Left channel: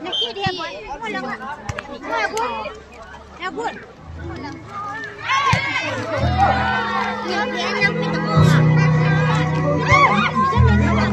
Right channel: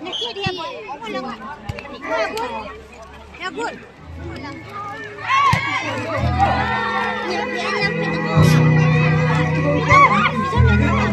Nakit dia boy. Pulang ah. Ya bun. Ya bun. Pulang. Ya dia yang kita mau. Bisa main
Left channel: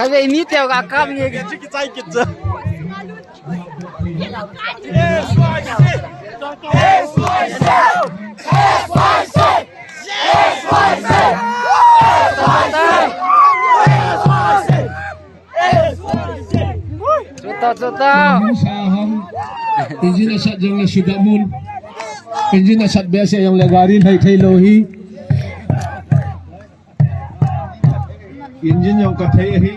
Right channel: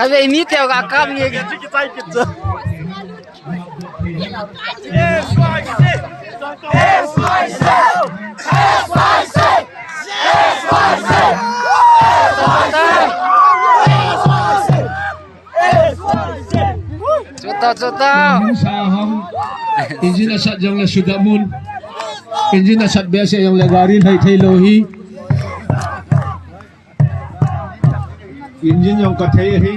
Kami ini tiap kakak nih kita gitu. Tao. Saham Injin asat yang sudamun Injin asat biasa yang lagarin hai thai lohi Injin yang kathai hi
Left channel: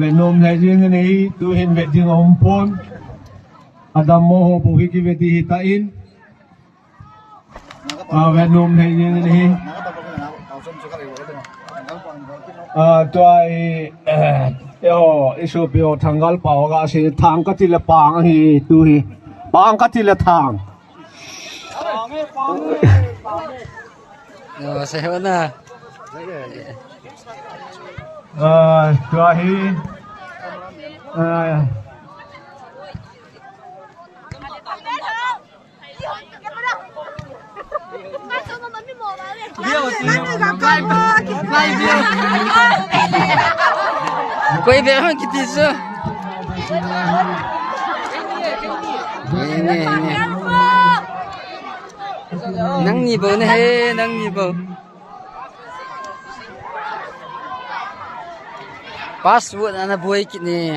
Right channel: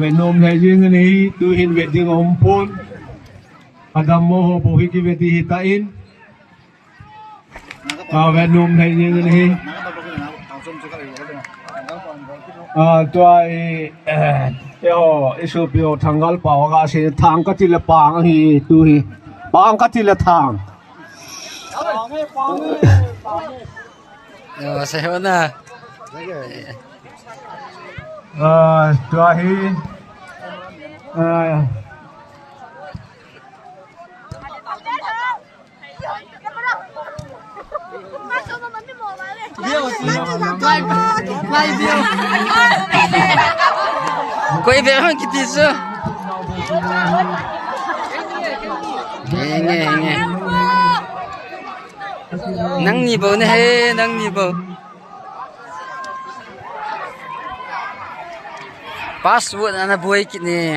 Venom hai jing ni tu hin wedding ompon Adam moho bohi ki veti hitain Venom hai jing ni Tuai isu bio tanggal pawaga si tang katila pang hi tu hi pang katila tang. Yo, saya mana? Tuai hi Koi be hang kiti su. Ini. Nang ni bo ne he, nang ni bo. Password ana boy kit ni.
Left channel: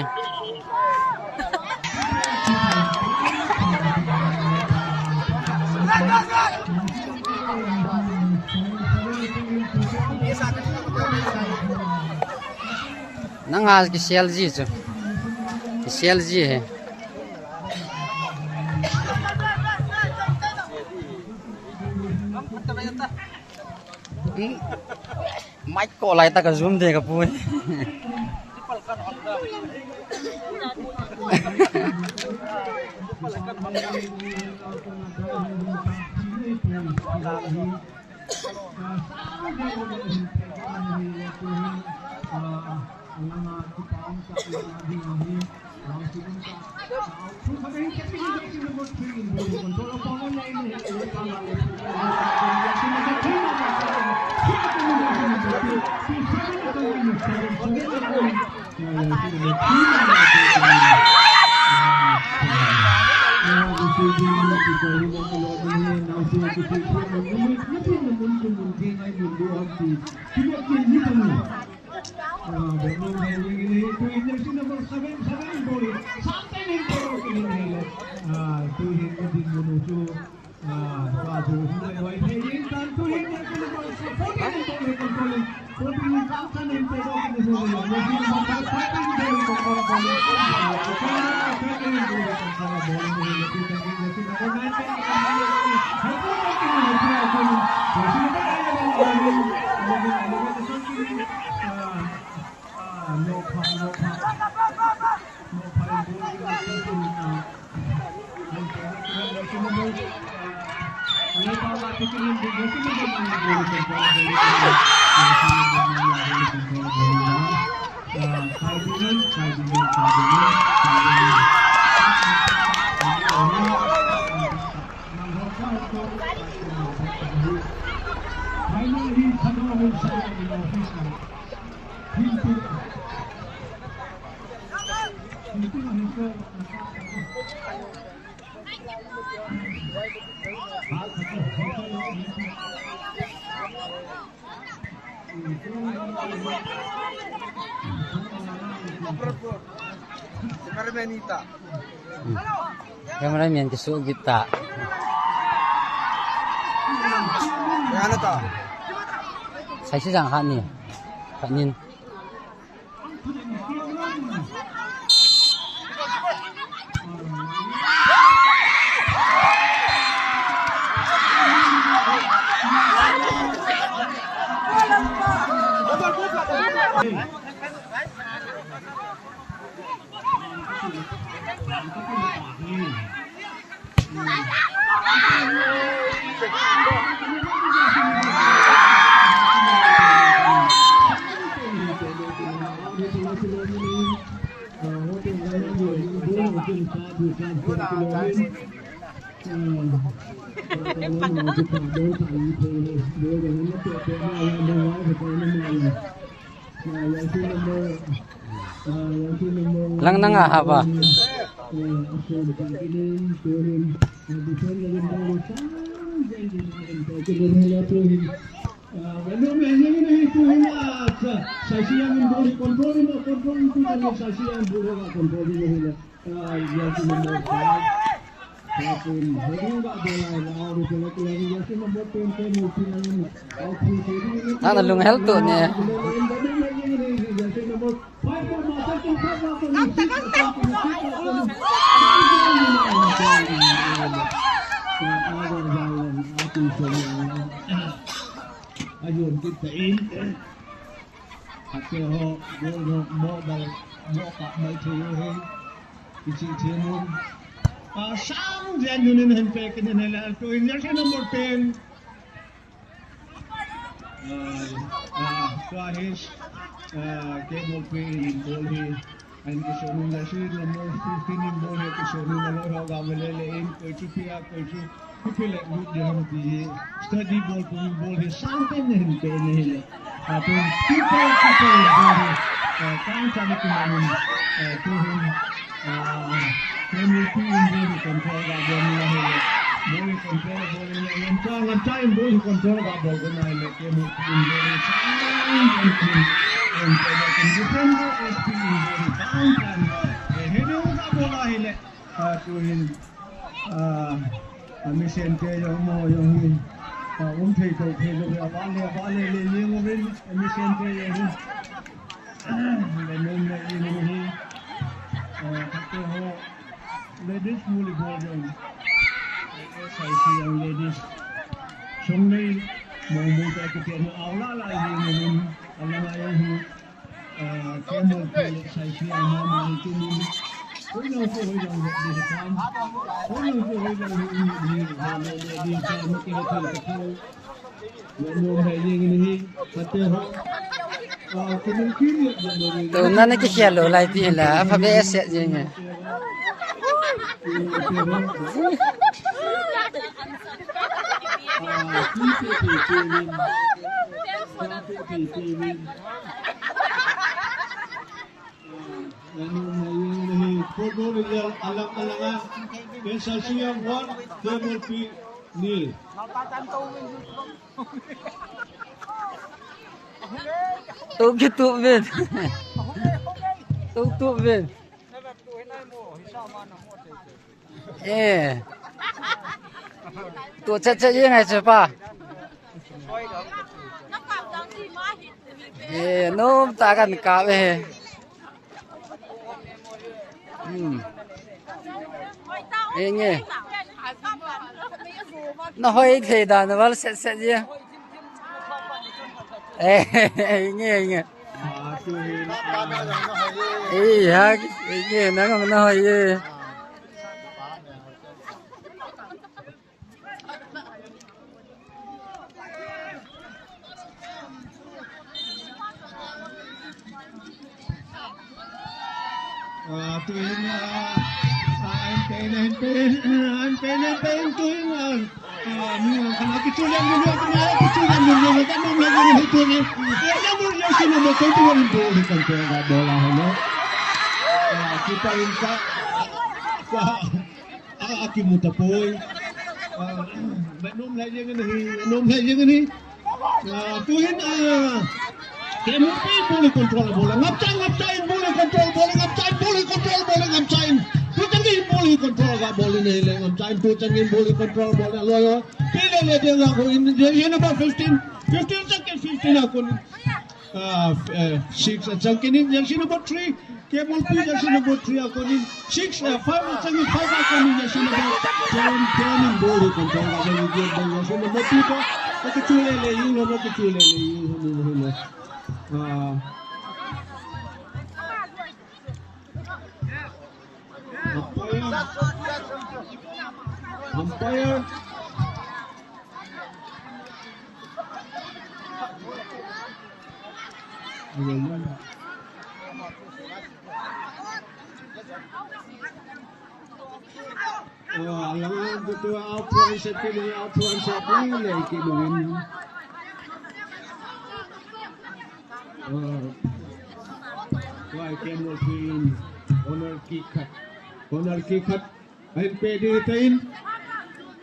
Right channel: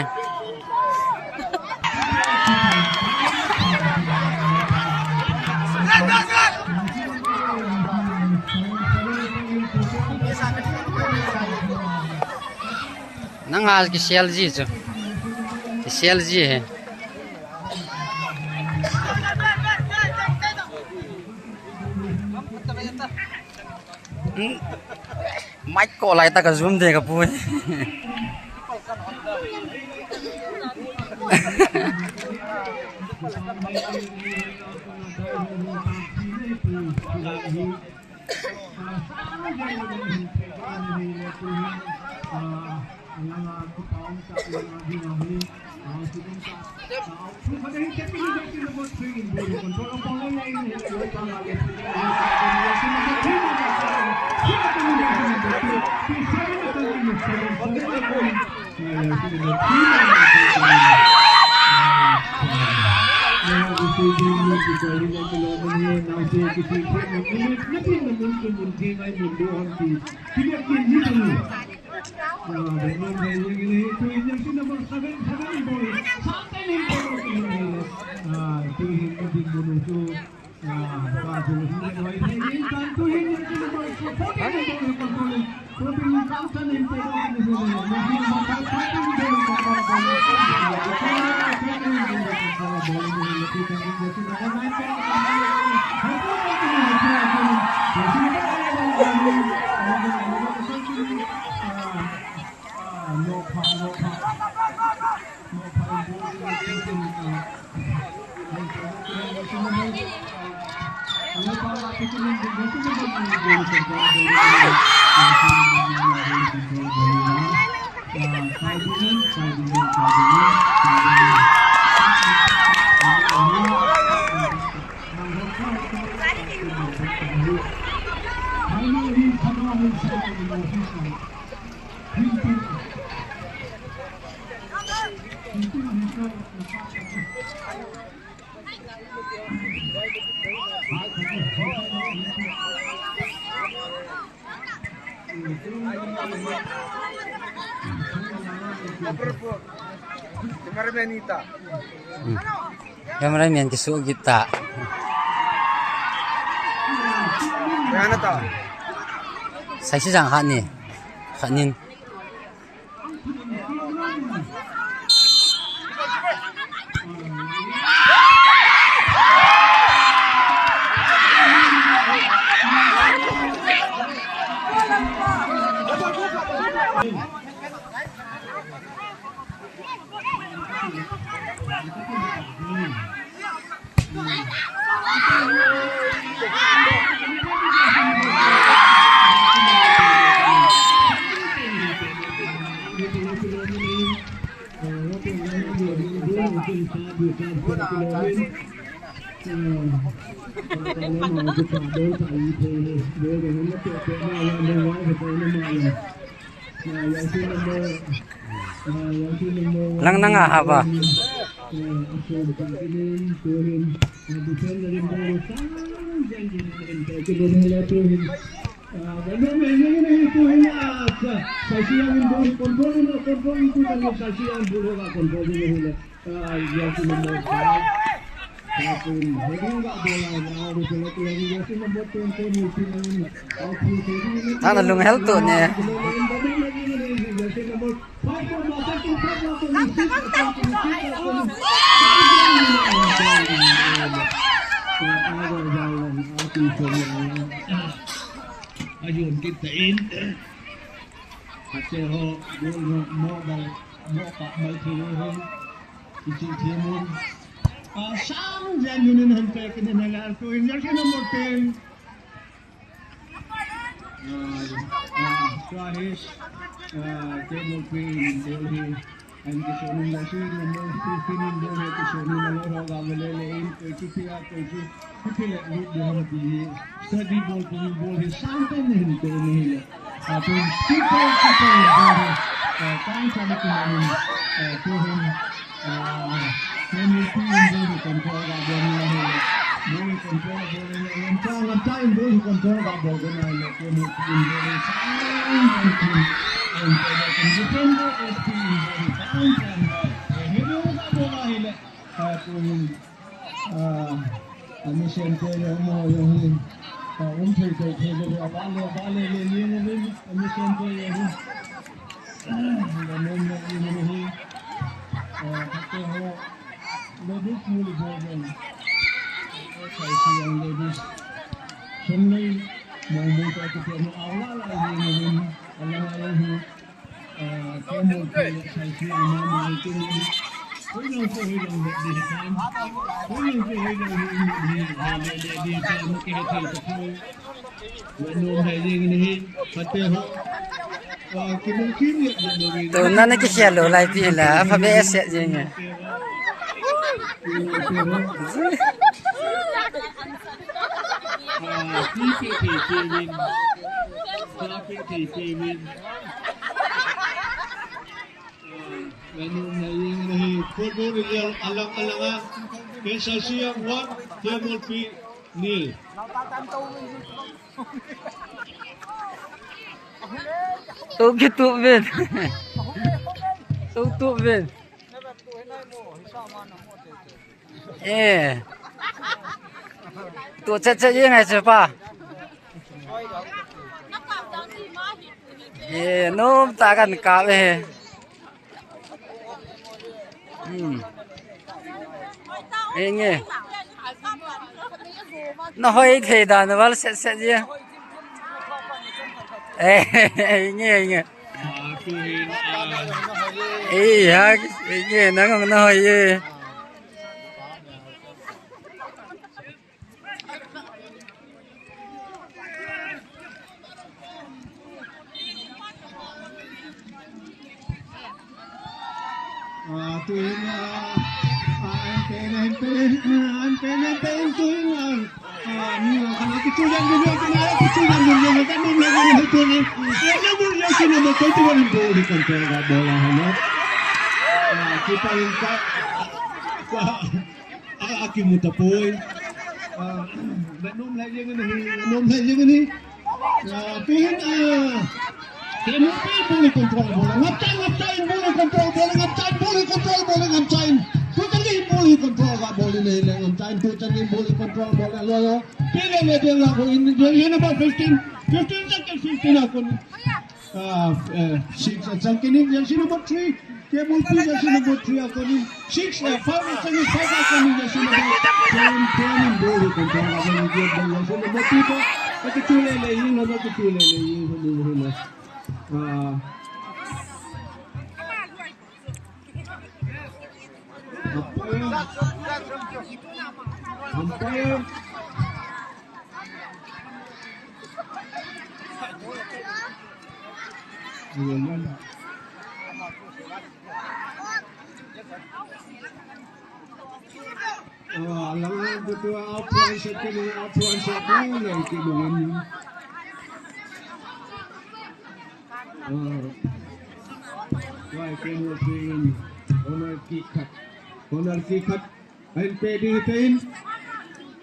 Nang आज की CLG जो CLG है माइक को लाइट का जूम देगा पूरे Cameraman kisuk kita. Mana ta? Saya sedang hanin. Lang na nga haba. Saksian boleh kontrol itu tadi saksian boleh kontrol ini boleh. Jersey nomor 5. Tapi heading enggak bola now di pelak lagi jersey nomor 20 multi main. Ano lung health to niya. Jersey nomor 5 ayun kita in pero modal mo ka may tuloy isisimon sang yan yun ang peke na nila ko in jersey number 10 Suarez Cable Queen Bolhi ang kisunong lasing number 15 in Bolhi kisunong nalaro gamalelein ko chipia ko chipila diyan di study ball ko Bolhi something hindi nila atong people Bolhi kan sabi ko namin tuhon MVP Bolhi control gabon nila Bolhi control Bolhi nila ang time Bolhi control gabon nila ko ni Bolhi something and can defend the SP very bound and heavy uga bola hile tuhin Amishente yung mo yung umthei to khelo avale le yung win Amishente yung nanom na yung hi kate ho ladies volleyball yung SIC yung ladies sunglay mo ta kete na awla la yung win alang ayang hi Camel SIC ang mama ito ni Huwag po hilang di kan. Huwag po hilang di kan makikita ko. Manong haying ni pati ho. Kinungkin To na nakisiyalo lai ti la fa BS ya niya. Manong haying ni football result alang-alangan SIC 1 Camel P nil. To gitu ben. To ben. To cha yang ai pa. Nom ta kan ka be. Nghe nó hơi thì đàn nó vào sẽ gì nghe ha nghe nó không nó hơi gì kita ingkat akimutapoy nom lagi ni tuhin KMP boleh kontrol bola ngaptain boleh kontrol bola ngaptain boleh kontrol bola ngaptain tutangin boleh kontrol gak boleh ni ngaptain tutangin boleh kontrol bola lo pila le dia aku ini number 15 second 15 aku 6 second ini yang number 3 Cable P jersey number 3 ako ni 6 5 second 5 ako ni jersey number 10 boleh kontrol gak boleh dia jersey number 2 kecil le ini number kecil le ini umpire alang betul apa yang saya pilih kibun why can we see owner kick cut NPD tain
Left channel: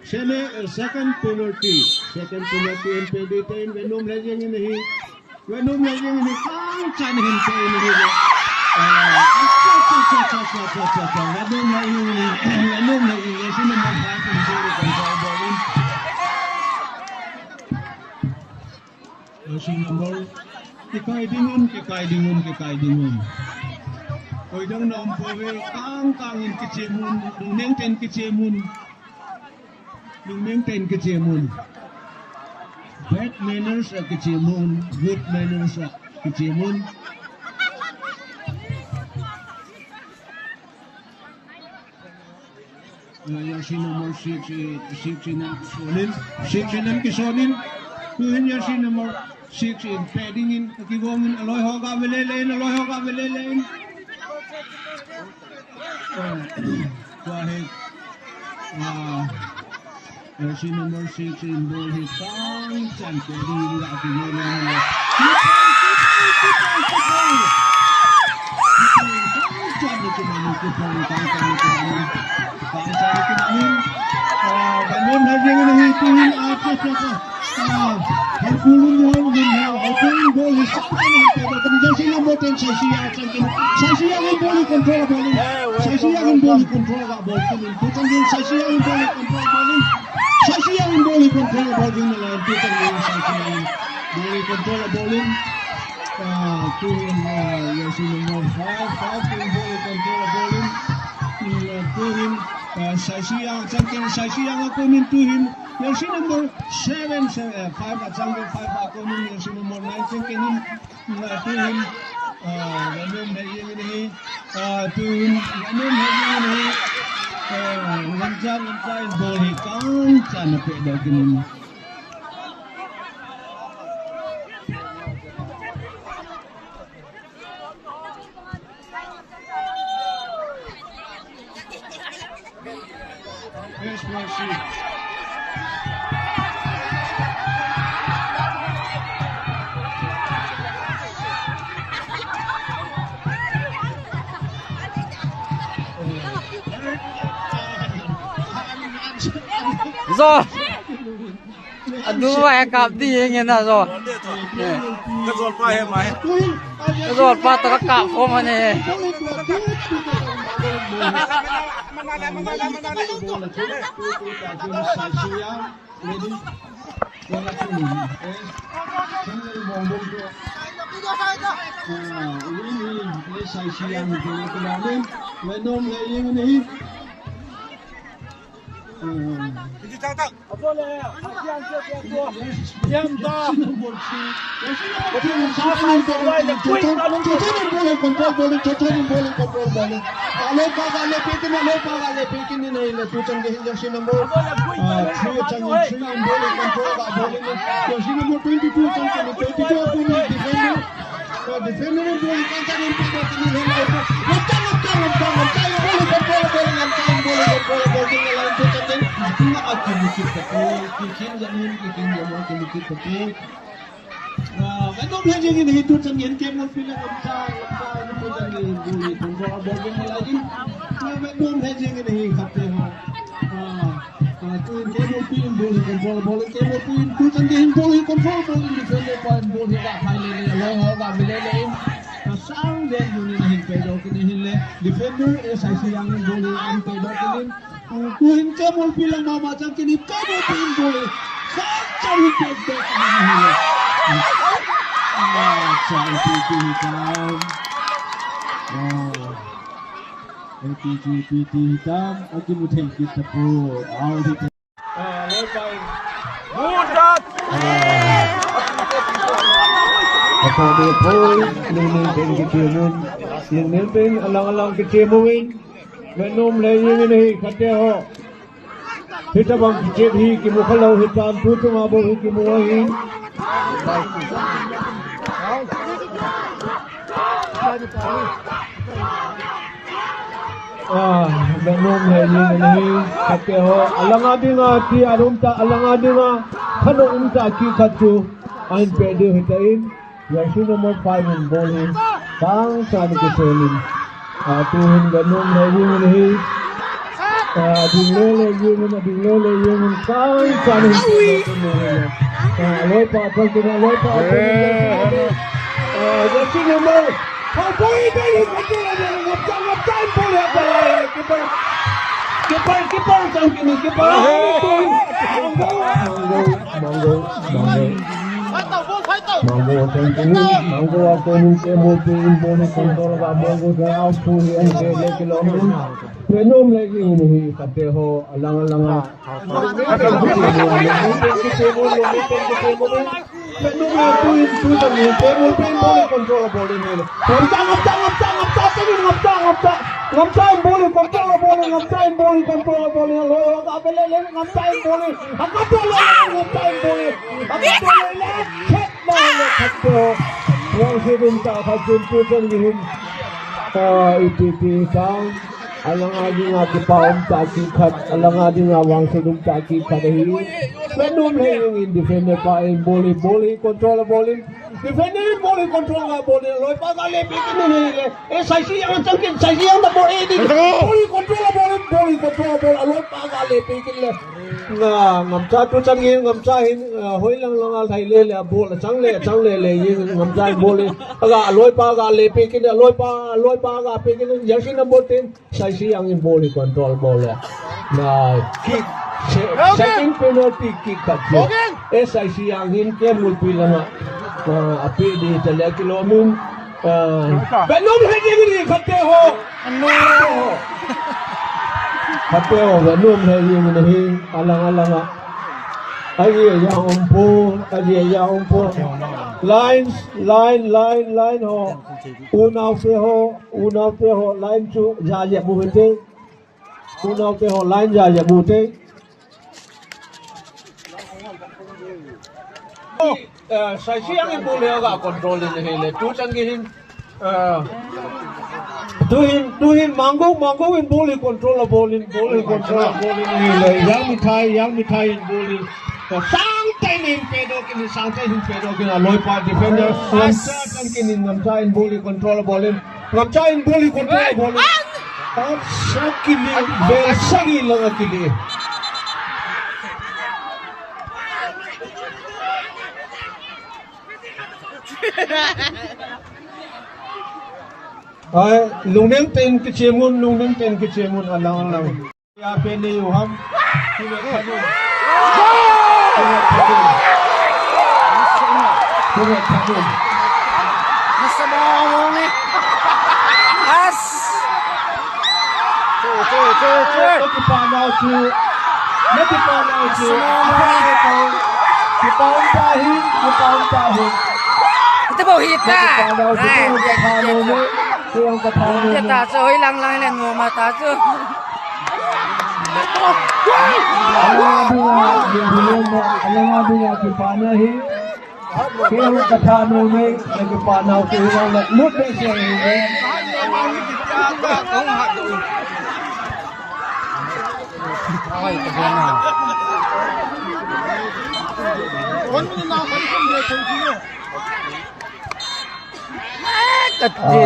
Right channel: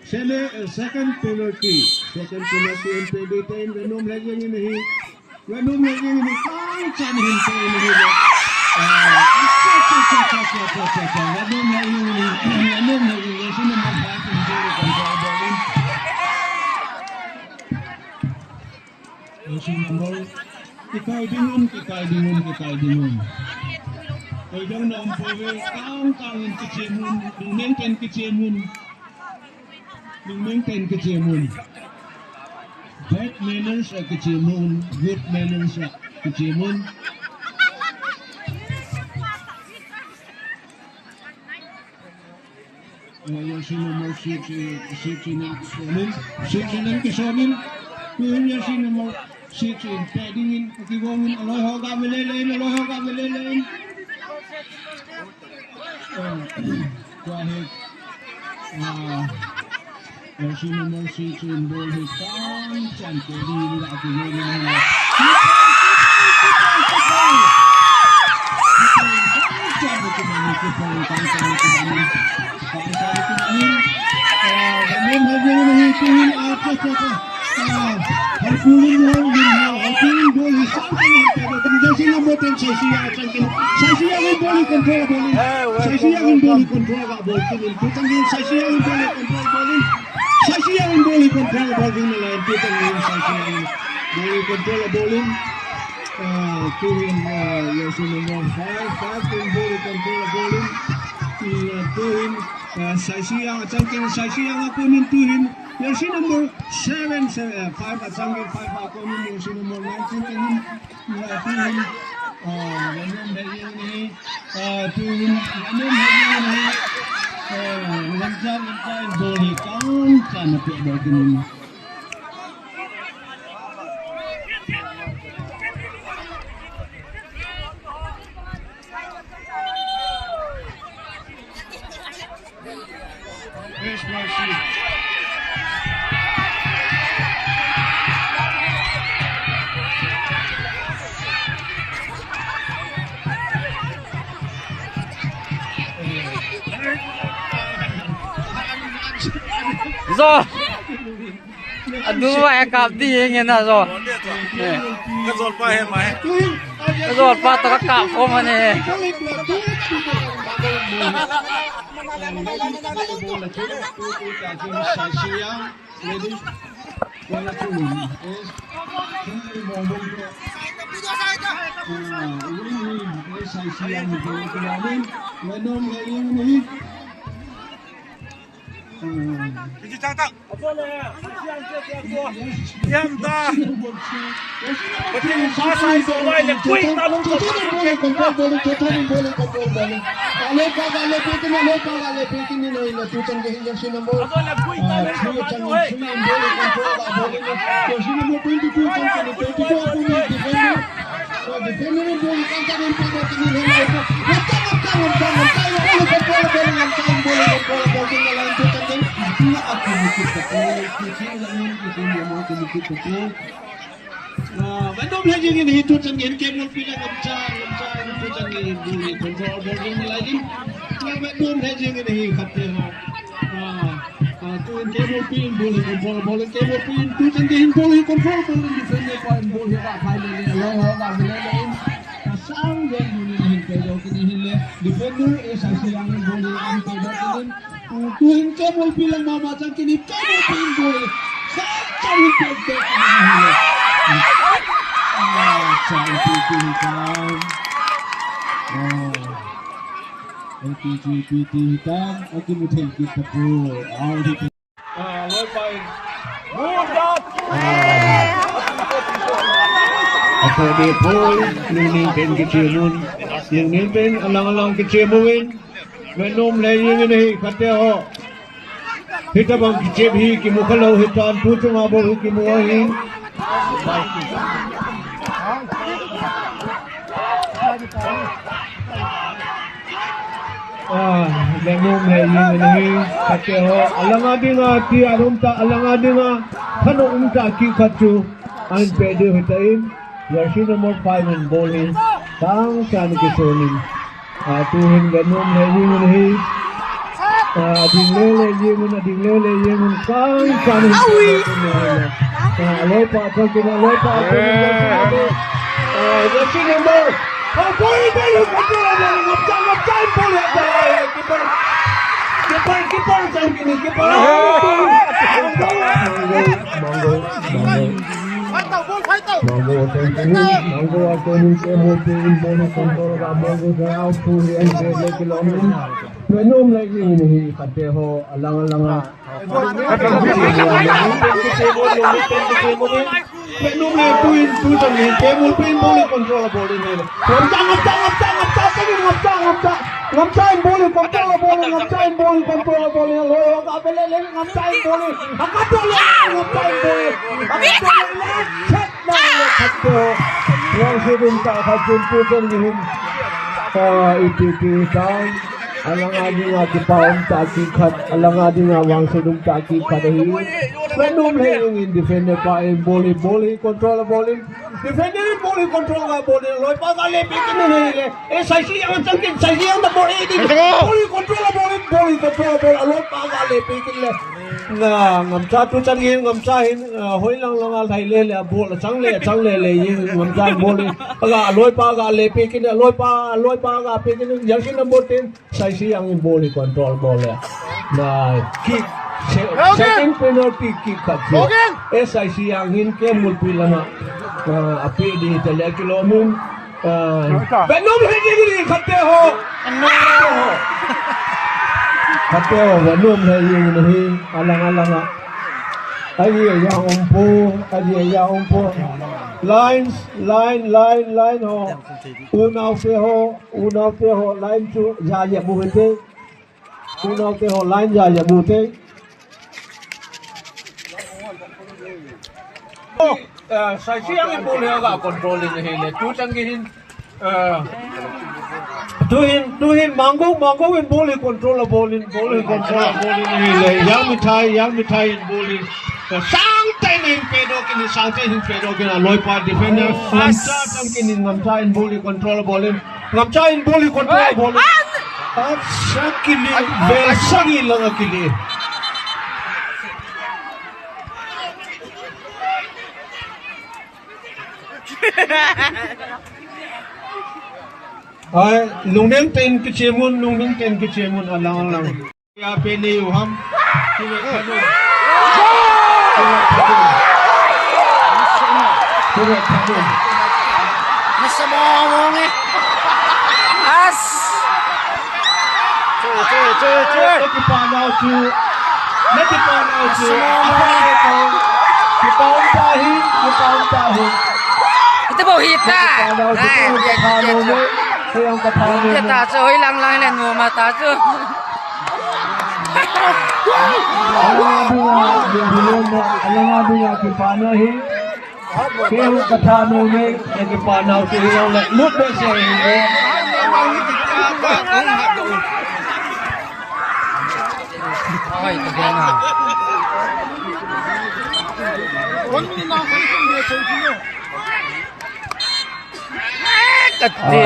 Shele second penalty NPD tain venom lagi ni Venom lagi ini kau can hente ini dia. Venom lagi ini sini membuat sendiri kontrol bowling. Sini nombor kikai dingun. Oi dang nom powe kang in kecemun, neng ten kecemun. Bad manners are kecemun, good manners are kecemun. Yang si nomor six kisonin, tuhin yang si nomor 6 in paddingin, kagigongin aloy hoga belelein. Wahid, yang si nomor 6 in ball hit kang chan paddingin kagigongin. Venom lagi ini tuhin Harpulin ball is yang si nomor 10 Sasiya ang ball control bowling. Sasiya ang ball control bowling. Putan din Sasiya ang ball control bowling. Sasiya ang ball control bowling nila. Putan din Sasiya ang ball control bowling. Tuhin yang si nomor 5 ang ball control bowling. Tuhin Sasiya ang kunin tuhin. Yang si nomor 5 at sangkin 5 ako nun yang si nomor 19 kinin tuhin Venom lagi ini tuhin Venom lagi ini lanjang boleh kang sana peda kinin Yes, Mercy. Rồi. Đúng vậy cặp đi nghe nào rồi. Cái giọt qua hết mày. Cái giọt qua tao cặp không mà nè. Ini tak. Apa le? Asian ke dia. Diam dah. Saya boleh le kui alung boleh kontrol boleh. Kalau pekin ni le tu cang ke si nombor. Dia cang boleh kontrol boleh. Yang si nombor 22 cang ke 22 tu ni defender. Defender boleh kan ni pada ni le. Venom lagi ini itu canggih game pilih mencai itu canggih di kontrol bowling lagi. Venom lagi ini katanya. Tu game pilih boleh kontrol bowling game pilih tu canggih boleh kontrol bowling defender point boleh tak final ni loh tak boleh. Sang dia ini pedo kini defender SIC yang boleh pedo kini. Tuhin kamu bilang mama macam kini kamu pilih boleh. Cari pedo kini. Cari hitam. PT hitam. Aku mungkin kita pun. Mudat. Apa dia pun nenten kecemun. Yang nenten alang-alang kecemuin. Venom lagi ini kata ho. Kita bang kecebi kimu kalau hitam pucung abo kimu wahin. Venom lagi ini kata ho. Alang adinga ti alumta alang adinga kano umta ki kacu an pede hitain. Jersey nomor 5 in bowling. Kang sana kesonin. Tuhin Venom lagi ini. Ading lele yemun kang sana hitain. lối pa cho cái lối pa the second ball Boy boleh control ngap time boleh keeper sang kini keeper Manggo aku mungkin mungkin boleh kontrol manggo saya out yang saya kilometer penuh lagi ini kata ho alang-alang penuh tu jangan table pin boleh kontrol boleh ni ngaptain boleh kontrol boleh lo kabel ngaptain boleh ngaptain boleh yang sebentar hajun pujan gihim itu tang alang adi nga kipaum taki khat alang adi nga wang sedum taki khadahi penum lehing defender pa in boli control bowling defender boli control ga boli loi pa ga le pikin ni le e sai ang tangkin sai ang da boli di boli control bol loi pa ga le pikin le nga ngam cha tu chang hin ngam cha hin hoi lang al thai le le bol chang le yin ngam cha boli ga loi pa ga le pikin loi pa ga pikin yang number 10 sai ang in boli control ball na kick second penalty kick khatje SIC ang hin ke mulpi lama api di tele kilomin benum hegi khatte ho benum hegi nahi alang aye ya umpo line ho unaw pe ho line chu ja ya bute unaw pe ho line ja ya bute sai siang boleh agak control ini hele tu canggihin tuhin manggo in boleh control boleh hele yang mitai in boleh santai ning pedo kini aloi pa defender ngamcha cangkini ngamcha in boleh control boleh sakili besagi lang akili lungdeng ten kecemun alang ya pene uham tidak kadu masa mau ni as cuy Nanti pandau tu kita tahin itu bau hitam yang ketahuan dia tak soi lang len ngoma ta chu alang adunya kipana hi keu kathano me kipana tu yang le lut be se hi oi tegena kecil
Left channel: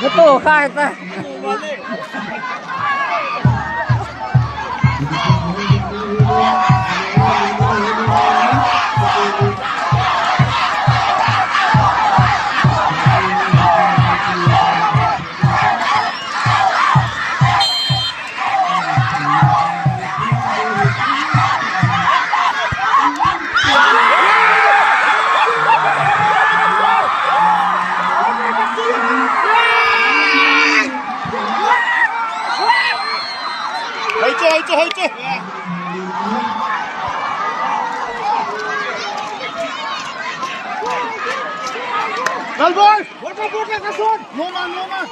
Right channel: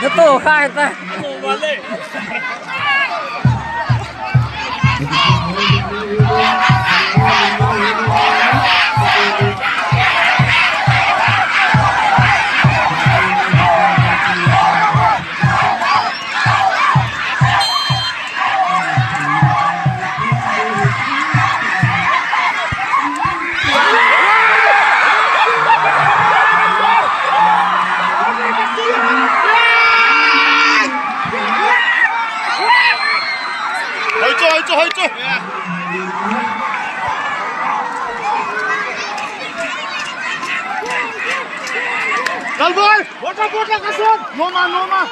Itu khai ta. Dalboy, bota kasun. Noma.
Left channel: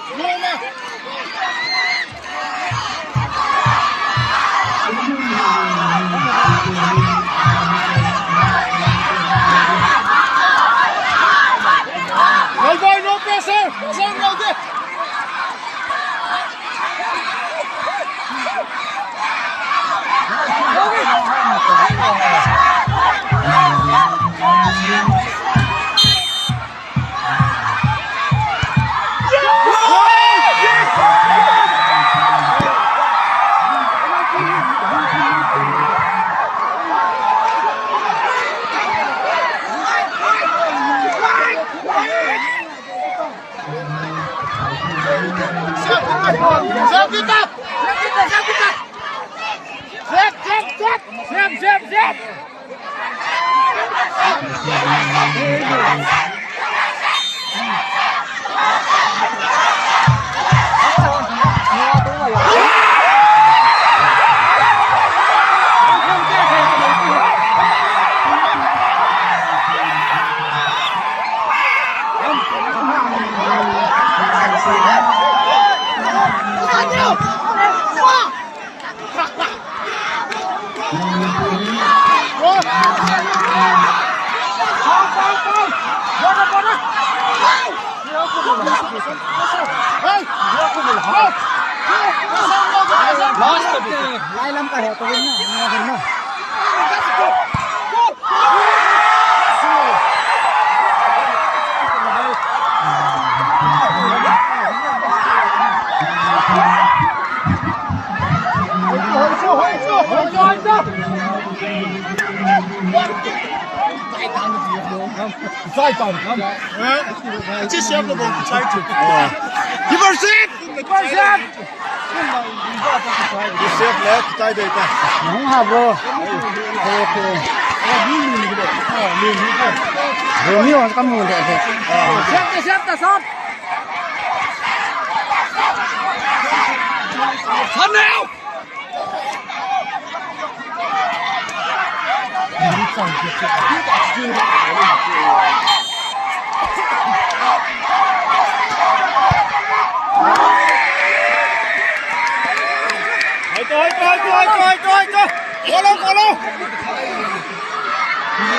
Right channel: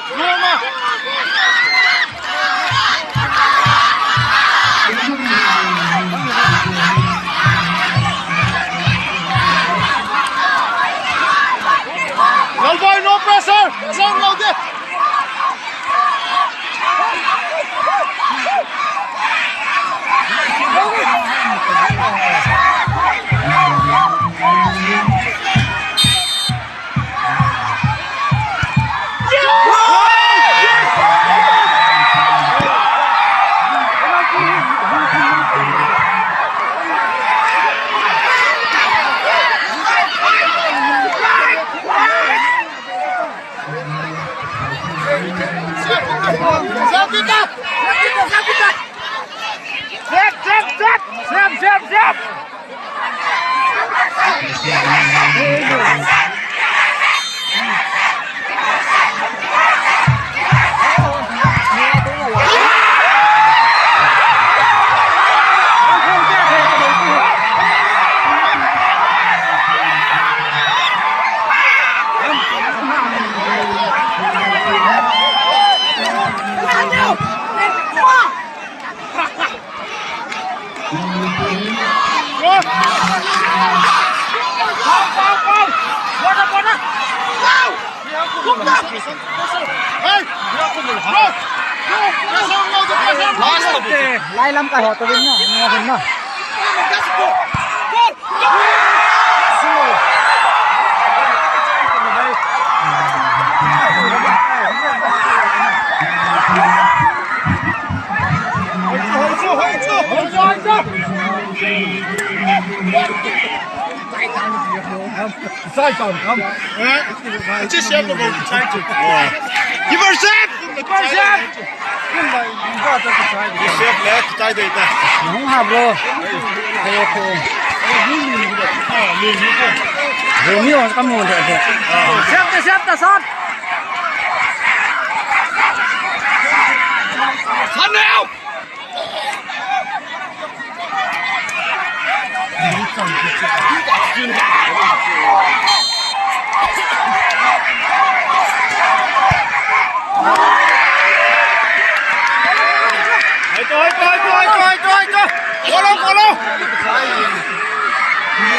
Dalboy, no pressure. Same like that. Siap. Lai lắm cả họ tôi bên nhau hình nào. Sai còn không? Chứ xem là một trái chụp. Đi vào xếp. Đi xếp lẽ trái đây ta. Không hợp rồi. Ok. Rồi nhiều con nguồn thế. Xếp ta sót. Thân nào. Có lâu.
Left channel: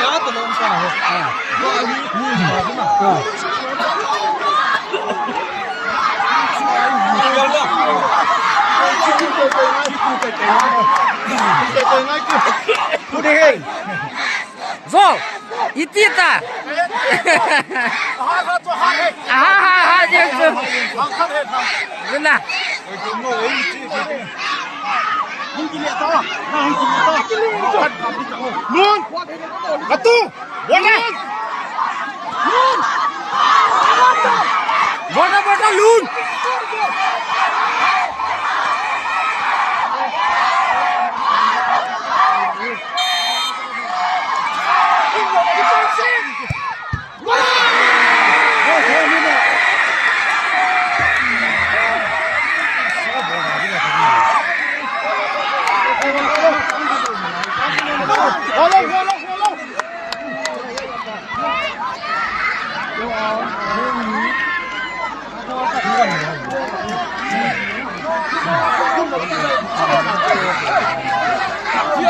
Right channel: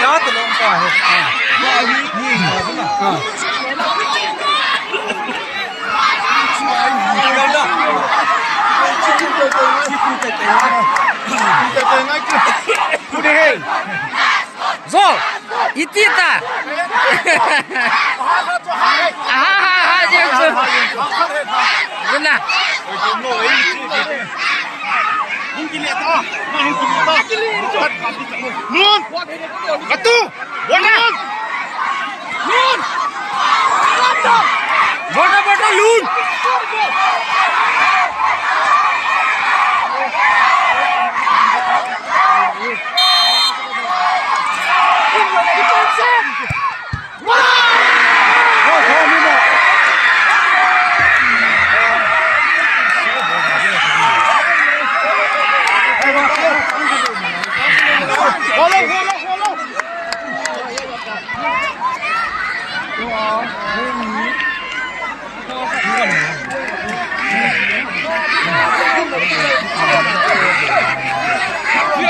Nhớ từ lông cả rồi. Zol, itita. Aha, jangan. Benar. Luôn. Bắt tu. Buat dah. Buat dah luôn.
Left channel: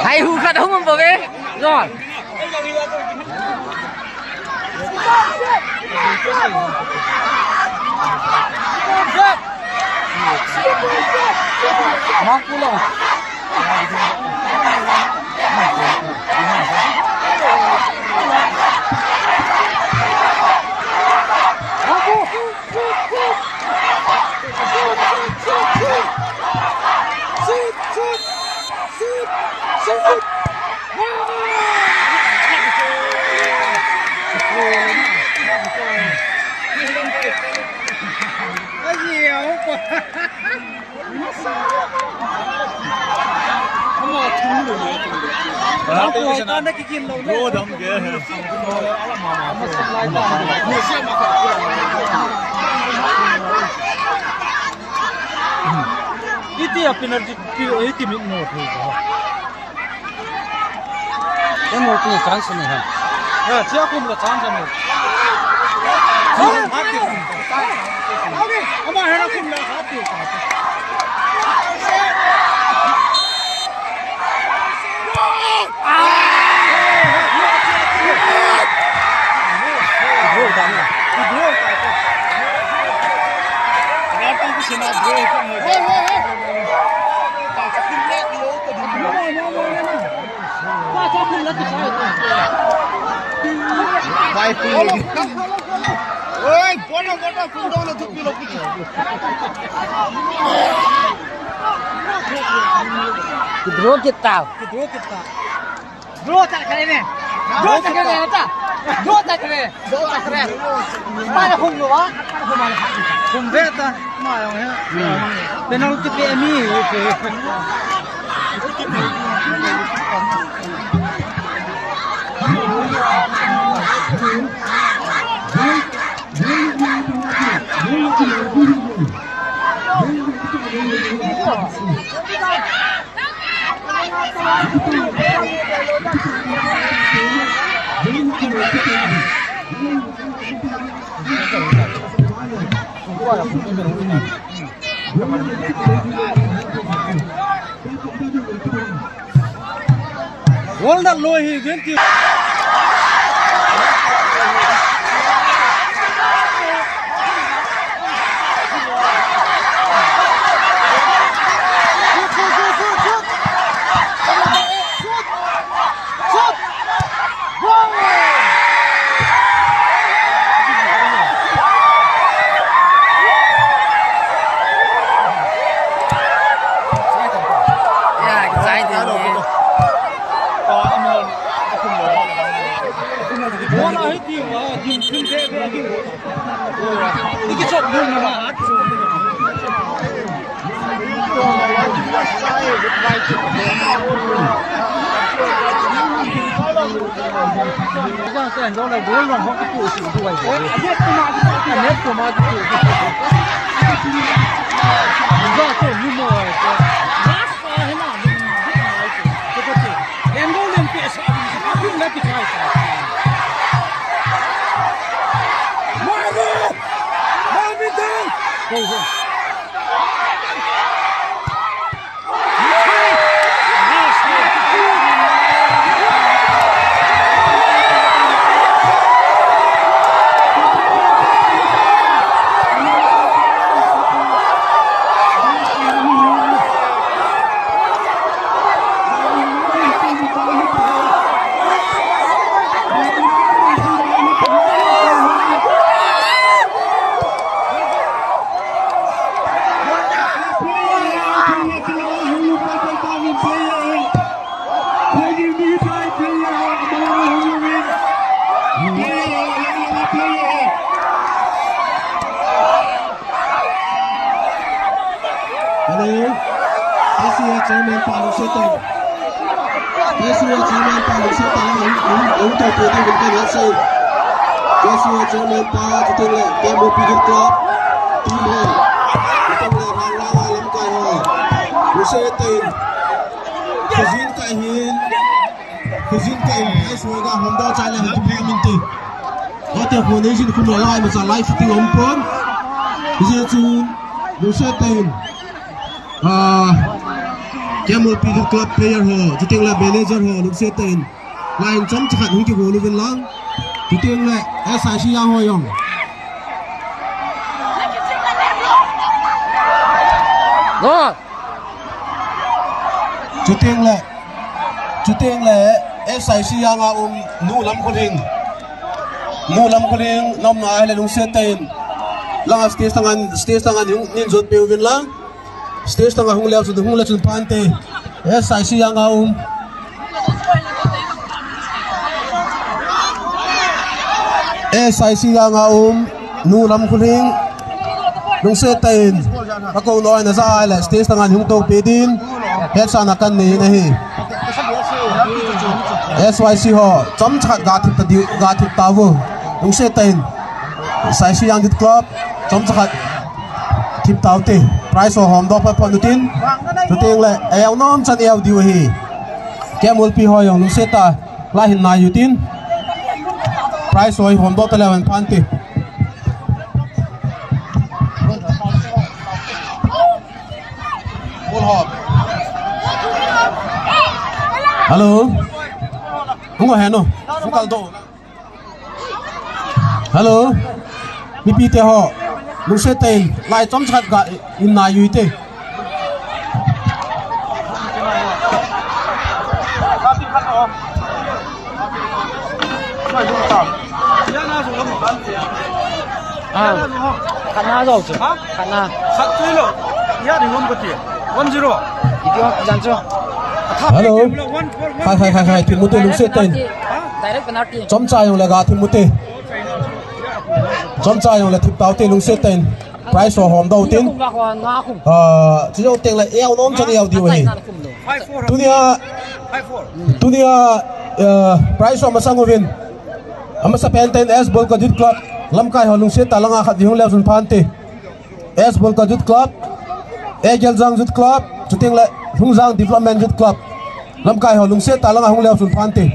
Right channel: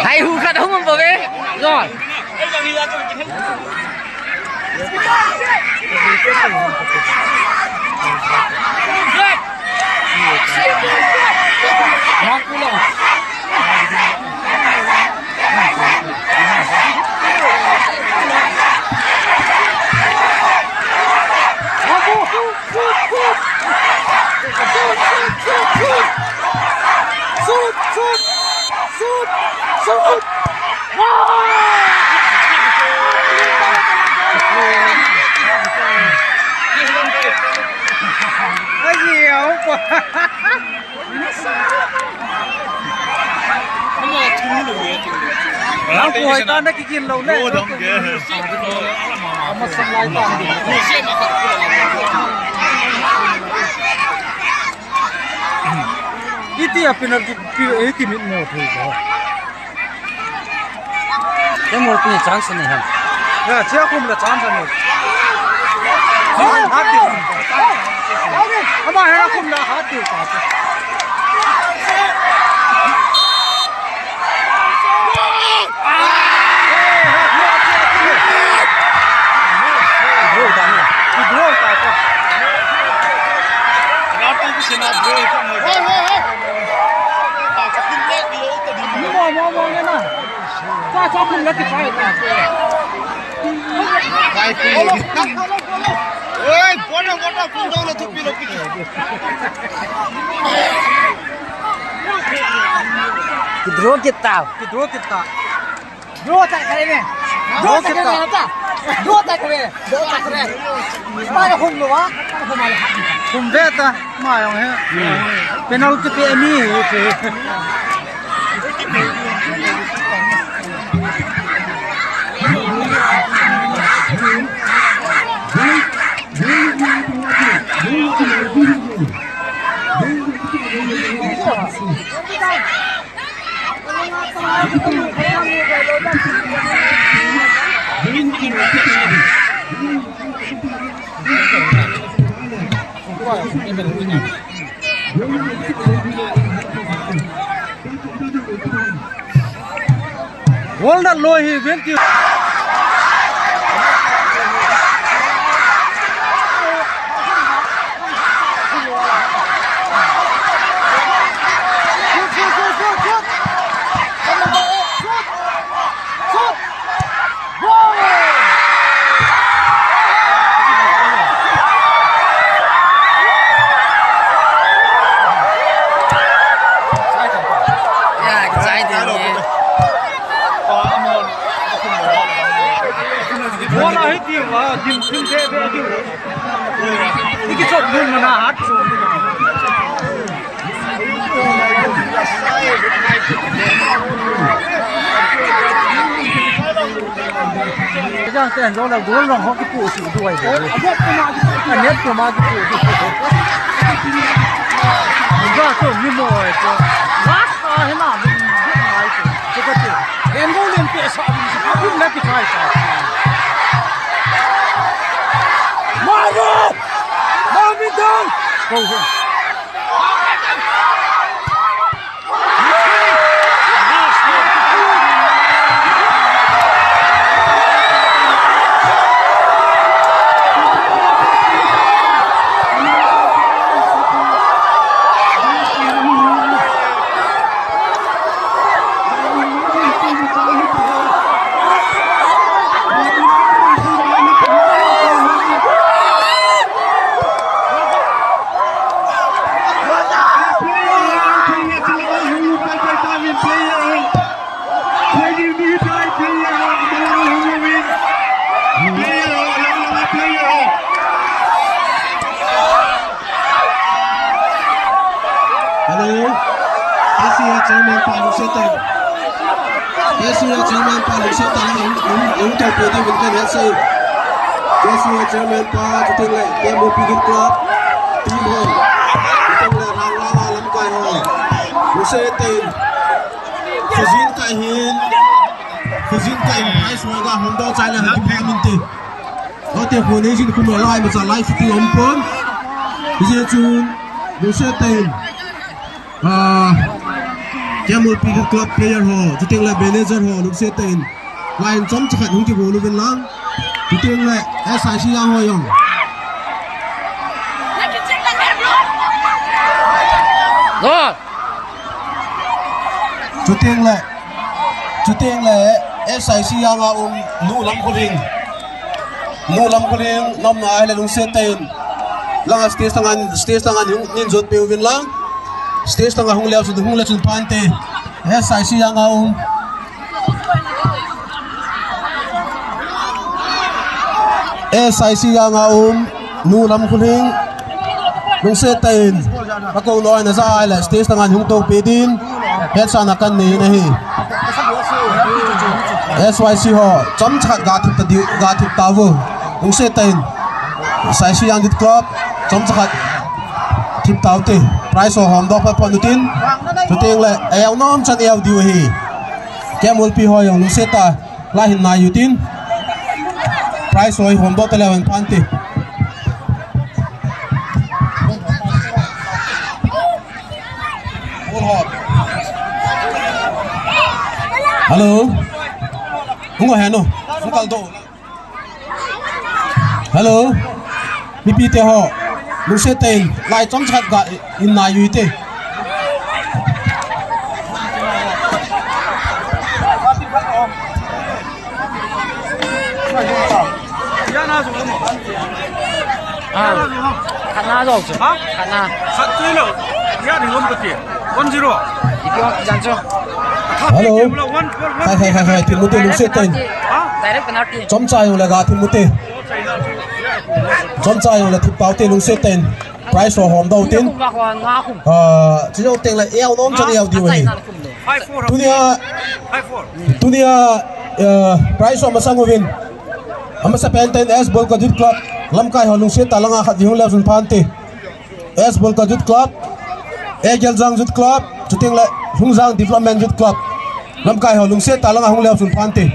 Hay hù khát không vào về rồi. Mắc cú lồng. Nó nhiều quá. Nó cùi con nó cái kiên lâu đấy. Itu ya penalti itu minum tu. Cái một cái chance này hả? Ya, siapa pun dah chance ni. Hati. Ama hera pun dah hati. Oi, bora fundão na tupila puxa. Kidro kita. Dua tak kali ni. Dua tak kali apa? Dua tak kali. Mana hum ni wah? Hum beta, mai yang he. Penalti ke ni itu. Hold on, low he went you. Giang sen đó là đối lòng họ cái cụ sự đuổi đấy. Nhất của ma cái cụ. Ra chỗ như mồi chứ. Lát ta thế nào mình biết nói chứ. Cái cái gì. Em vô lên kệ sợ mình không lấy cái thay sao. Marvin down. Go go. Asia Chairman Palu Setan Asia Chairman Palu Setan ứng theo phía đi bên kênh Asia Asia Chairman Palu cho tên là game một pin club team hơn tên là hàng la lắm cài hỏi Lu Setan Fujin cài hai số ga hôm đó trái là cái phe mình từ có thể của này xin không lại mà trả lại thì ông phun bây giờ chú Lu Setan game một pin club player ho cho tên là manager ho Lu Setan line chấm chắc hẳn không chịu ngồi bên lăng cho tên là SIC yang ho yong rồi cho tên là SIC yang nu lam ko ring nam na là Lu Setan lang stage tangan nin jot pe win lang stage tangan hung leo sun pante SIC yang SIC yang nu lam ko ring Lu Setan ako noi na sa ala stage tangan hung to pe din het sa na kan ni na hi SYC ho chom chat ga thip ta wo Lu Setan SIC yang dit club chom chat thip ta te price ho hom do pa pon tin to teng le el nom chan el diu hi kemul pi ho yong Lu Setan la hin na yu tin price ho hom do ta le pan te hello không có hẹn đâu không cần độ hello mi te ho Lu Setan lại trong chat gạ in na yu te khán na rồi chứ khán na hello hai thì một tên Lu Setan chấm trai là gà thì một tên chấm trai là thịt táo tên Lu Setan price của hòm đầu tiên chỉ có tên là eo nôm cho eo điều này tunia price của masang ovin amasa penten S ball Youth Club lam kai Lu Setan langa khat hung leo sun pante S ball Youth Club Egel Jang Youth Club cho tên là Hung Giang Development Youth Club lam kai Lu Setan langa hung leo sun pante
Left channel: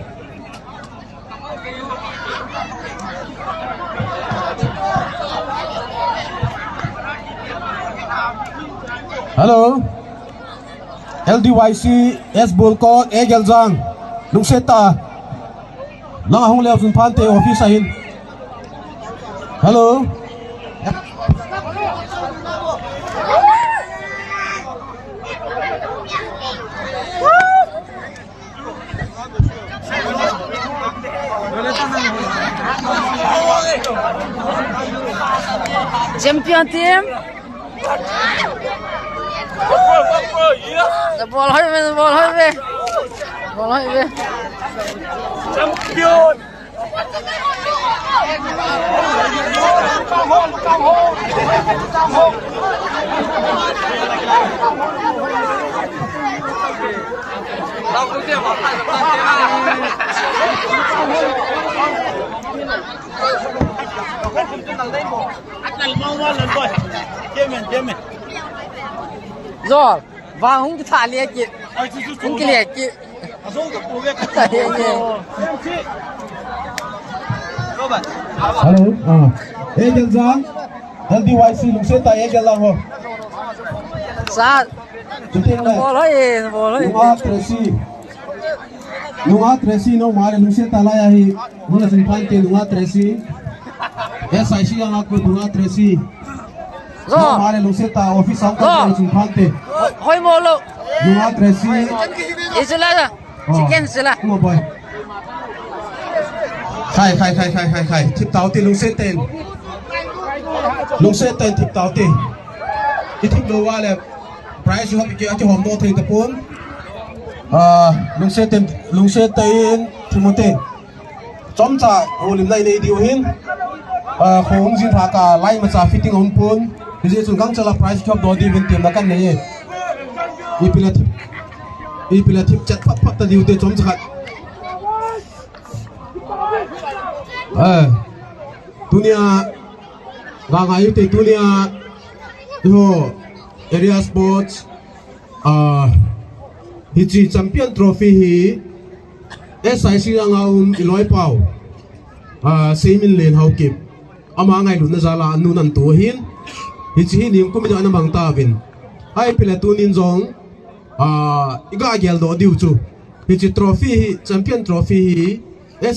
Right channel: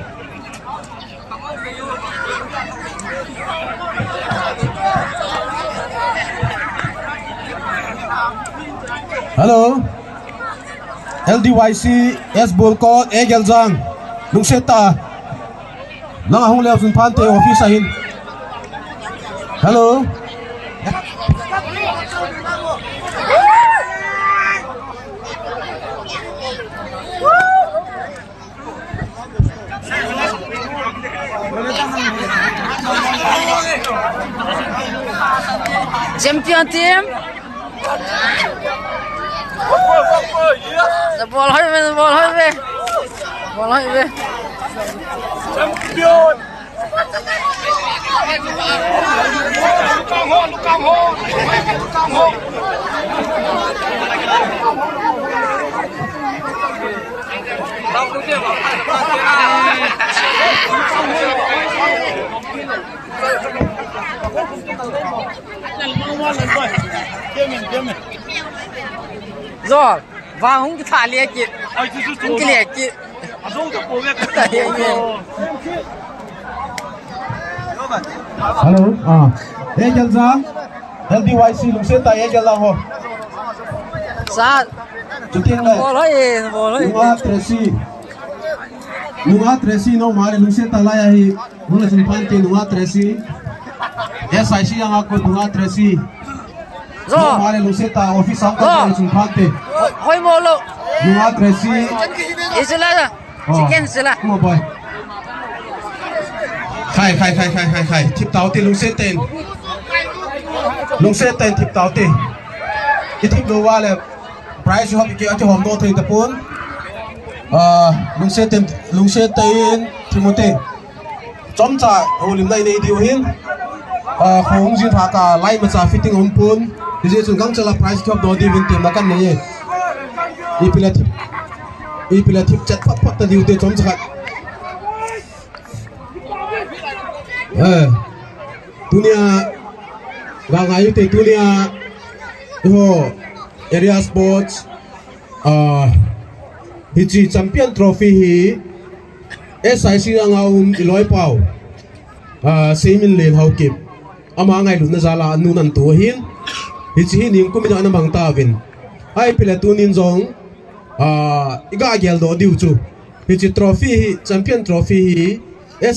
hello LDYC S ball code Egel Jang Lu Setan langa hung leo sun pante office ahin hello champion team the ball hơi về champion rồi vàng không cái thả liệt kì không cái liệt kì hello Egel Jang LDYC Lu Setan Egel Jang ho sao ball hơi Lunga Tracy no mare Lu Setan la ya hi mula sun pante Lunga Tracy SIC yang aku Lunga Tracy no mare Lu Setan office ang ka sun pante hơi mồ lộ Lunga Tracy isla chicken sila mo boy khai thip tao ti Lu Setan thip tao ti cái thip do wa le price ho bi ke ati hom do thei ta pun Lu Setan Timothy chom cha olim nai nei diu hin khong jin tha ka lai ma cha fitting on pun je chung gang chala price khop do di vin tim na kan nei ipilatif chat pat ta diute chom chat dunia gangai te dunia ho area sports hichi champion trophy hi SIC anga iloi pau seimin len haukip ama ngai lu na zala anu nan to hin hichi hi ning kumida na bang ta vin ai pila tunin zong iga gel do diu chu hichi trophy hi champion trophy hi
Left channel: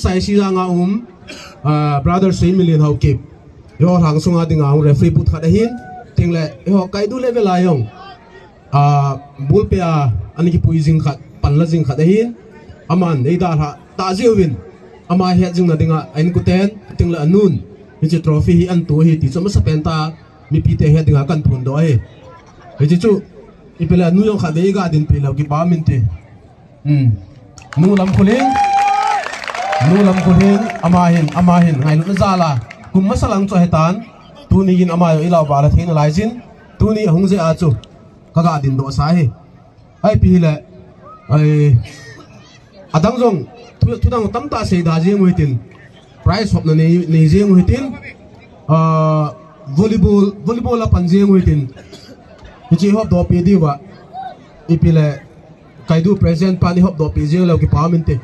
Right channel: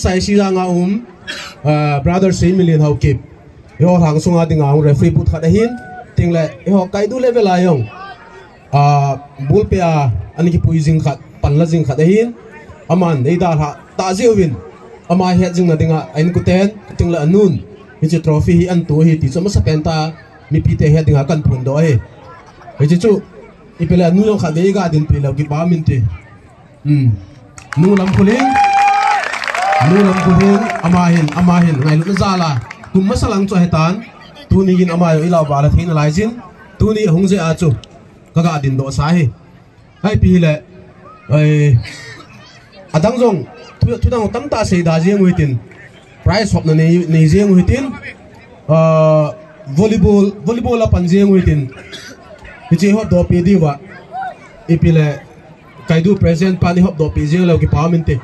SIC anga brother seimin len haukip yo hang sunga dinga referee put kha hin tingle ho kai du level ayong bulpea ani ki puizing khat panla jing khat hin aman ei da ha ta zewin ama he jing na dinga ain kuten tingla anun hichi trophy hi an tu hi ti choma sa penta mi pi te he dinga kan phun do he hichi chu ipela nu yo kha dei ga din pela ki ba min te nu lam khuling ama hin ngai lu na zala kum masalang cho hetan tu ni in ama yo ilaw ba la thein lai jin tu ni hongje a chu kaga din do sa he ai pi le ai adang jong thu dang tam ta sei da je ngui tin prize hop na nei je ngui tin volleyball la pan je ngui tin hi hop do pi di wa pi le kai du present pa ni hop do pi je lo ki pa min te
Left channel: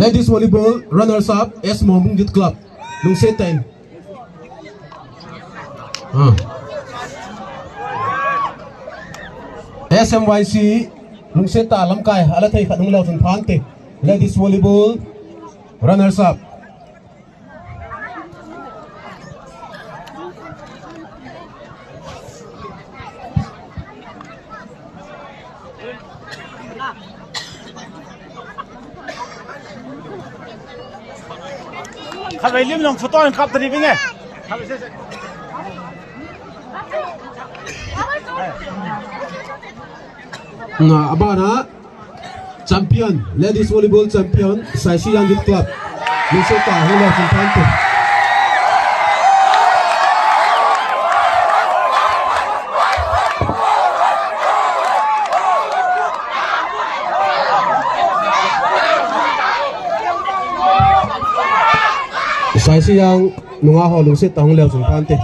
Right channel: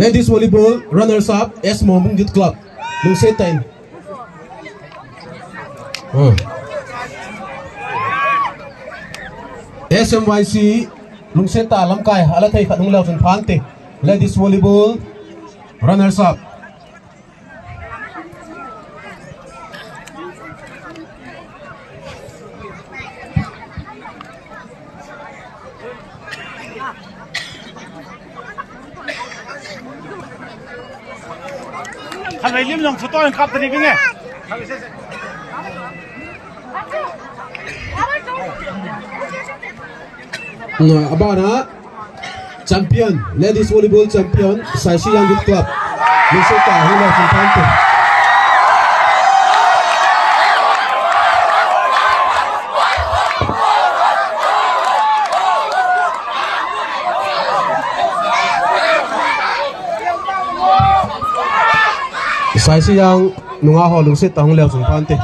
ladies volleyball runners up S Momung Youth Club lung se time SMYC lung se ta lam kai ala thai khat nung lao chun phan te ladies volleyball runners up Kan wij lim nog vertoon in kap drie dingen. Abana champion ladies volleyball champion SIC Youth Club Lusita hula Infante SIC nunga ho Lusita hula Infante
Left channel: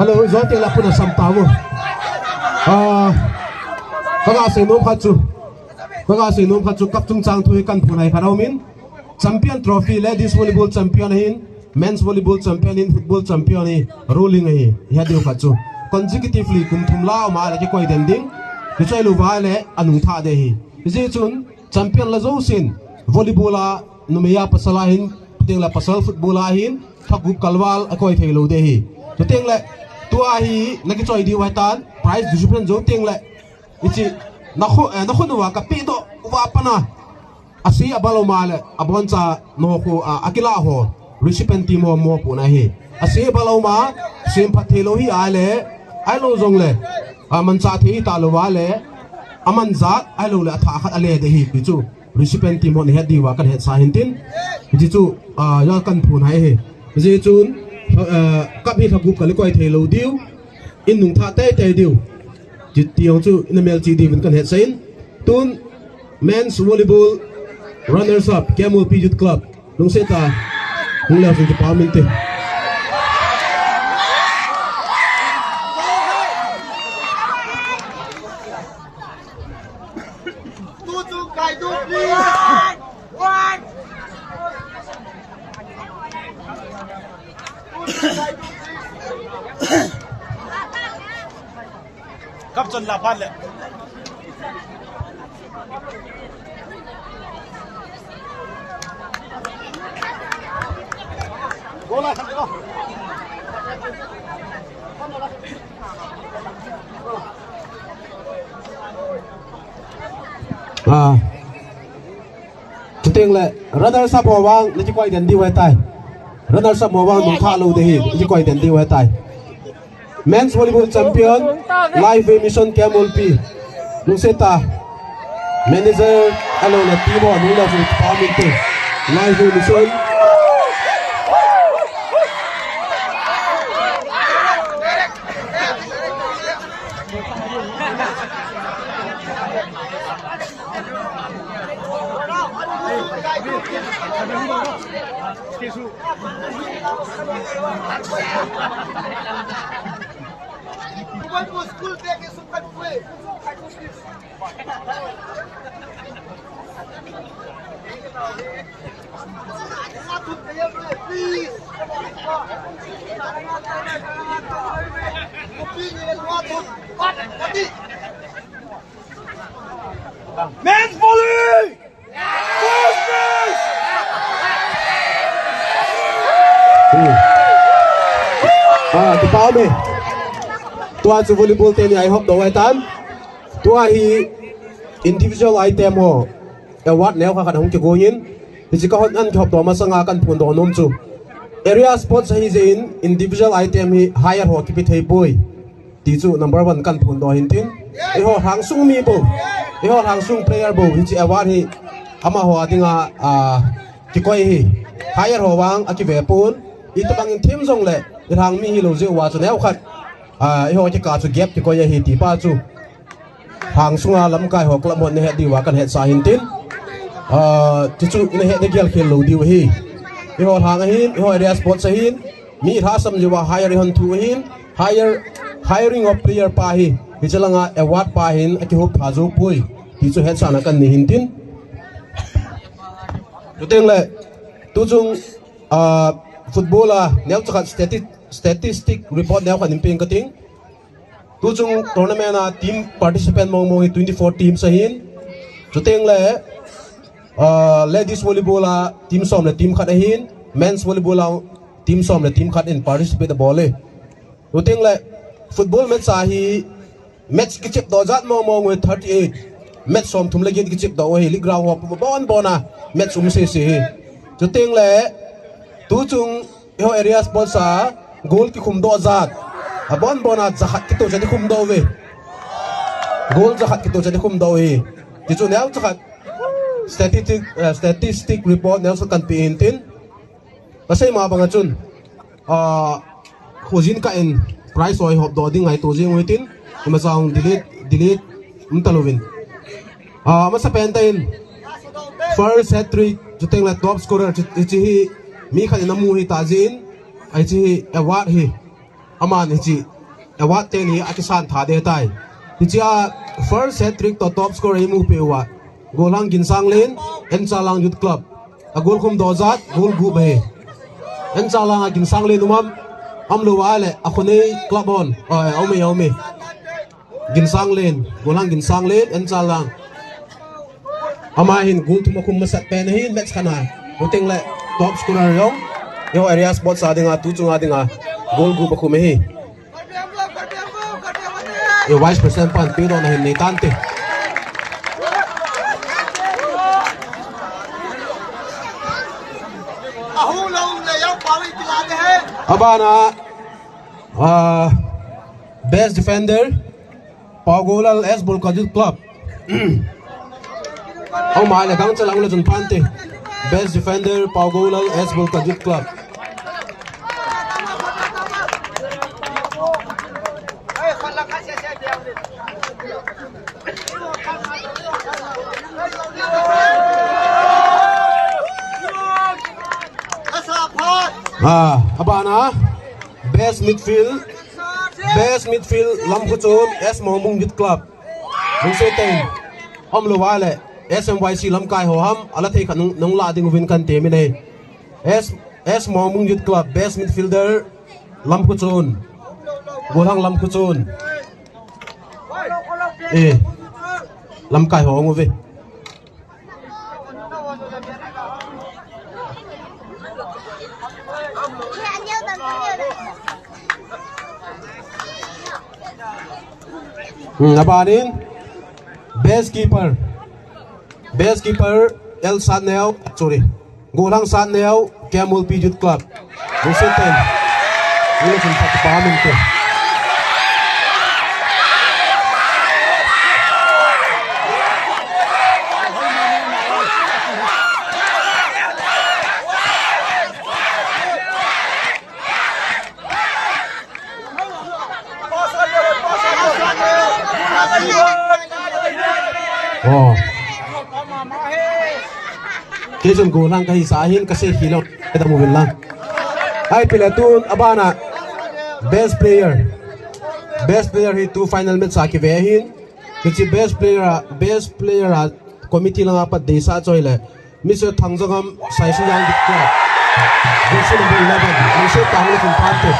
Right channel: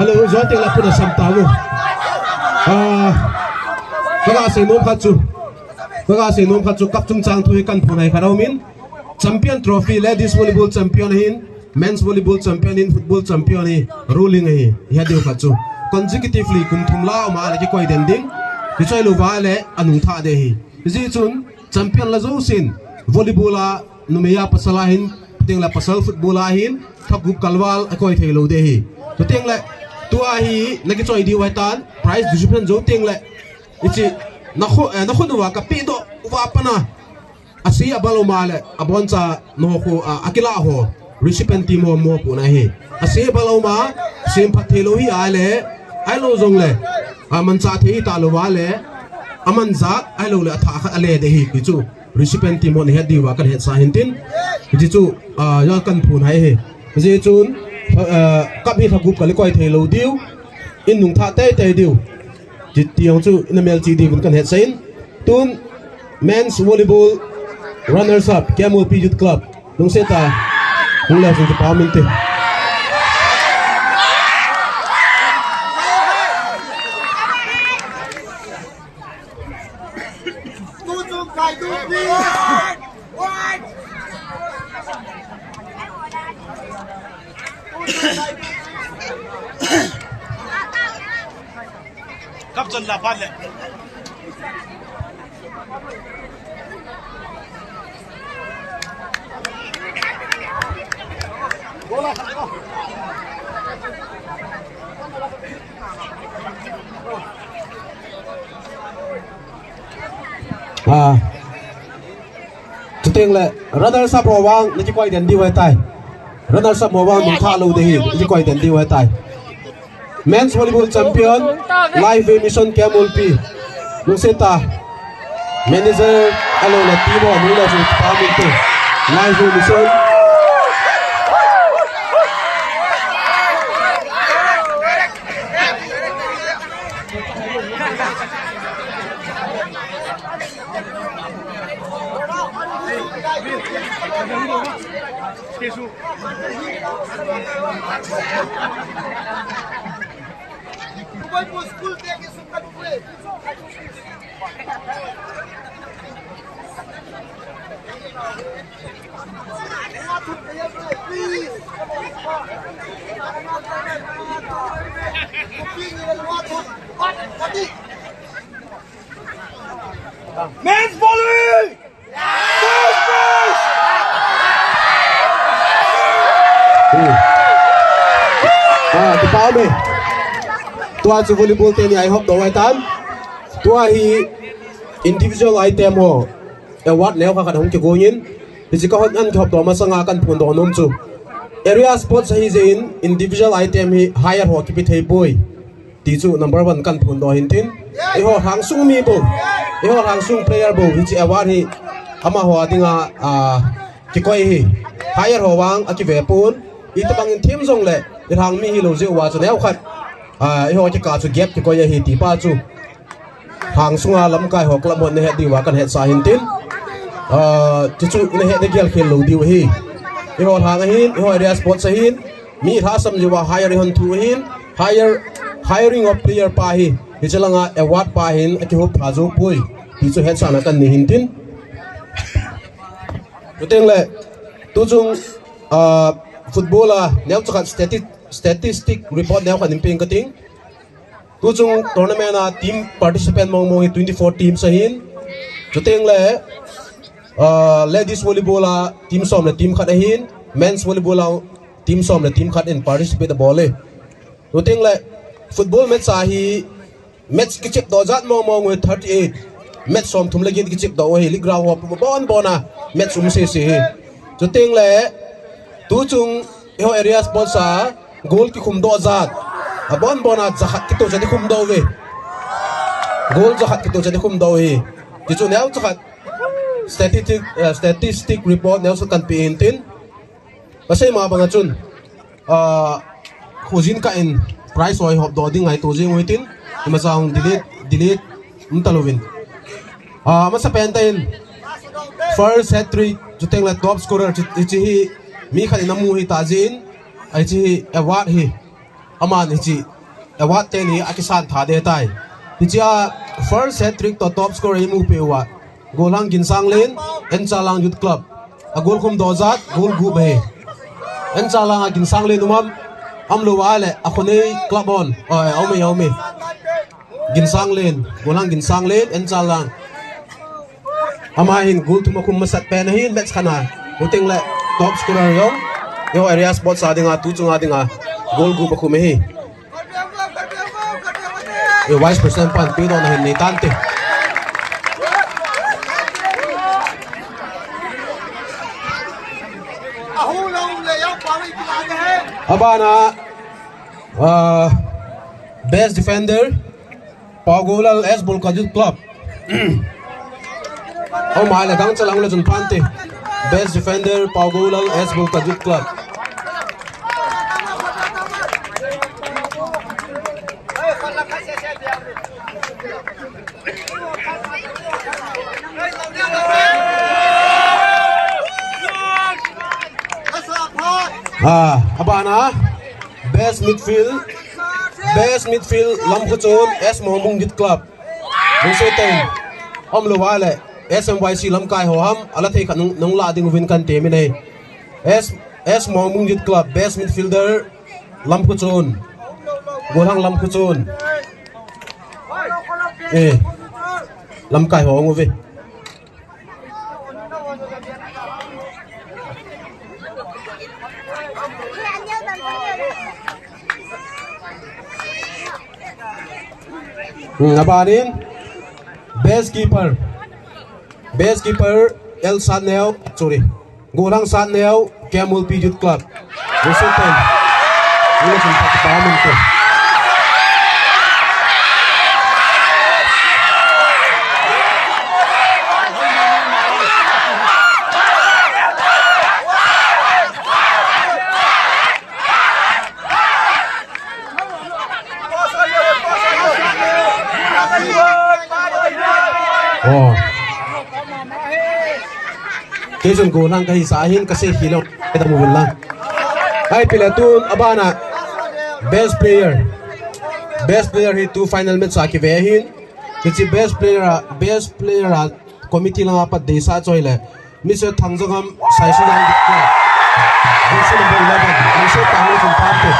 Hello, zo ting la puna samtawo. Kaga se nom khachu kap chung chang thu kan phunai kharau min champion trophy ladies volleyball champion hin men's volleyball champion hin football champion hi ruling hi ya deu khachu consecutively kum thumla ma la ki koi dem ding ki choi lu wa le anung tha de hi ji chun champion la zo sin volleyball a numeya pasala hin ting la pasal football a hin thagup kalwal a koi thelo de hi to ting la tua hi la ki choi di wa tan prize distribution zo ting la ichi nakhu wa ka pi do wa pana asi abalo male aboncha no ko akila ho recipient team mo pu na hi asi abalo ma sim phathelo hi ale ai lo jong le man cha thi ta lo wa le aman za ai lo le tha khat ale de hi ki chu recipient team on he di wa kan he sa hin tin ji chu ya kan phun hai he ji chun kap hi thagup kali koi thelo diu in nung tha te diu ji tiong chu in MLGD kan he sain tun men's volleyball runners up Camel P Youth Club lung seta hung la jing pa min te Kap chon la phan le. Chủ tiếng là runner sắp hồ vang nó chỉ quay đến đi quay tay runner sắp hồ vang đúng thả lưu thì chỉ quay đến đi quay tay men's volleyball champion live emission Kemulpi nung seta manager alo là team ho nung là phụ pa mình live emission Men's volley! First base! Di pao me tua chu volleyball te ni I hope do ai tan tua hi individual item ho award neo kha hong chu go yin ti ka hot an khop do ma sanga kan phun do nom chu area sports hi je in individual item hi higher ho ki pi thei boy ti chu number 1 kan phun do hin tin e ho hang sung mi bo e ho hang sung player bo hi chi award hi ama ho adinga ki koi hi higher ho wang aki ve pun i ta bang team jong le hang mi hi lo je wa chu neo khat e ho chi ka chu gap ki koi hi ti pa chu hang sunga lam kai ho klam hon ne he di wa kan he sa hin tin ti chu ne he de gel khel lo di hi e ho hang hin e ho area sports hin mi tha sam ji wa higher hon thu hin higher hiring of player pa hi ti chalanga award pa hin aki ho pha zo pui ti chu he sa na kan ni hin tin tu teng le tu chung football neo chu statistic report neo khan imping kating tu chung tournament team participant mong 24 teams hin chu teng le ladies volleyball team som le team khat hin men's volleyball team som le team khat in participate ball le tu teng le football match hi match ki chip do jat mong 38 match som thum le ki chip do hi li ground hop bon bona match se chu teng le tu chung ho area sports goal ki khum do jat bon bona jahat ki to jani khum do we goal jahat ki to jani khum do hi ti chu neo jahat statistic report neo so kan pi in tin pasai ma banga chun khojin ka in price oi hop do ding ai to jing oi tin ma sang delete mtalovin ma sa pentain first hat trick juteng la top scorer chi hi mi khani namu hi tajin ai chi award hi aman hi award te ni akisan tha de tai ti cha first hat trick to top scorer mu pe wa golang ginsang len en chalang youth club a gol khum do zat gol gu be en chalang ginsang len umam amlo wale akhone club on aume ginsang len golang ginsang len en chalang amahin gol tu makum masat pen hin match khana uting le top scorer yo area sports adinga tu chunga dinga gol gu bakum hi e vice president pan pe don hin ni tante abana best defender Pagolal S Bulkajut Club oh my la gang chalang la jun pante best defender Pagolal S Bulkajut Club abana best midfield Lampuchon S Mohmung Youth Club nung se ten om lo wale SMYC Lamkai ho ham ala thei khan nung la ding win kan te mi nei S Mohmung Youth Club best midfielder Lampuchon golang Lampuchon Lamkai ho ngovi Abanin best keeper El Sadneo, sorry, Golang Sadneo, Camel Pijut Club. Musutan, ini sempat pahamin tu. Oh. Kejon Golang kahi sahin kasi hilaw kita mo lang. Ay pilatun abana best player hi 2 final match sa kivehin. Kasi best player committee lang apat desa choile. Mr. Thangjongam Saisi yang dikka. This number 11. Mr. Thangjong Parto.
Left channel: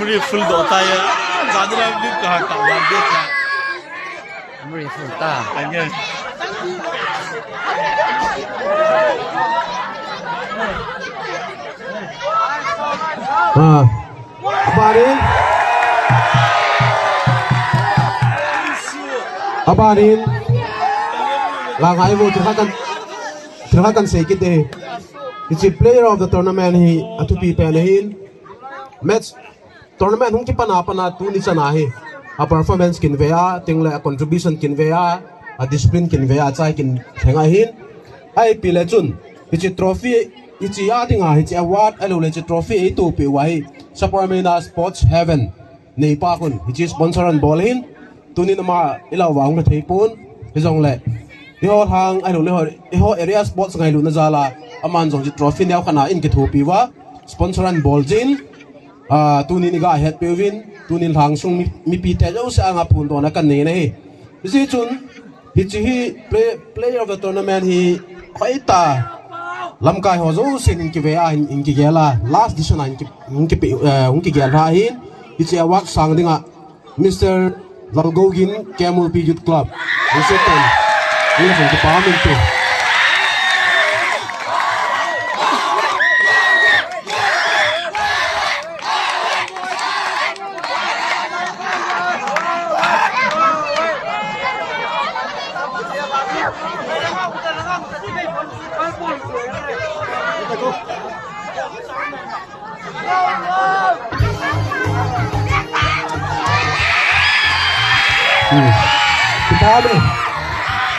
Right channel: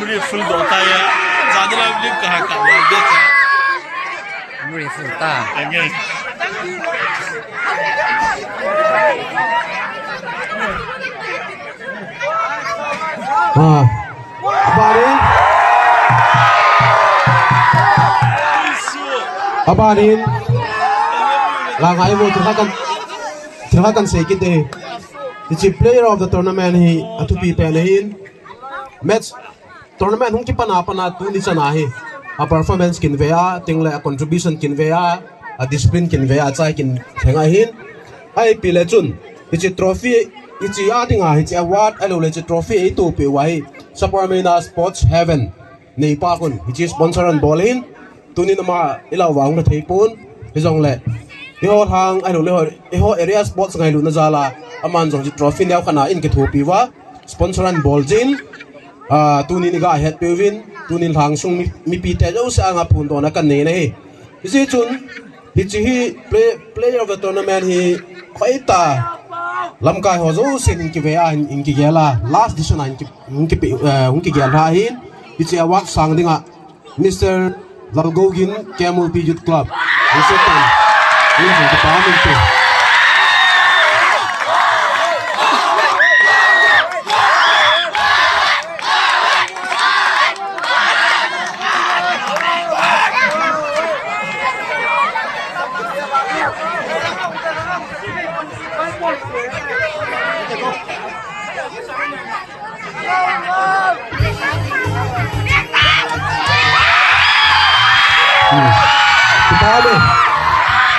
Muri full bolta ya. Jadi lagi kahar tak wajib kan. Muri full ta. Ini. Abanin langai mo terhakan sedikit deh. It's a player of the tournament hi atupi pelehin match tournament hung ki pana tu ni chanahi a performance kin vea tingle a contribution kin vea a discipline kin vea chai kin thenga hin ai pile chun it's a trophy it's a adinga it's a award alo le trophy to pe wai Saparmena Sports Heaven nei pa kun it's sponsor and ball hin tunin ma ilaw wang na theipun hizong le ho hang alo le ho area sports ngai lu na jala aman jong trophy nyaw kana in ke thopi wa sponsor and ball jin tunin ga het pewin tunin hang sung mi pi te jo sa nga phun to na kan nei nei isi chun hi player of the tournament hi khoita lamkai ho zo sin ki ve a in ki gela last edition in ki gel ha hin isi awak sang dinga Mr. Valgogin Camel Pijut Club isi tan ini kan pahamin tu.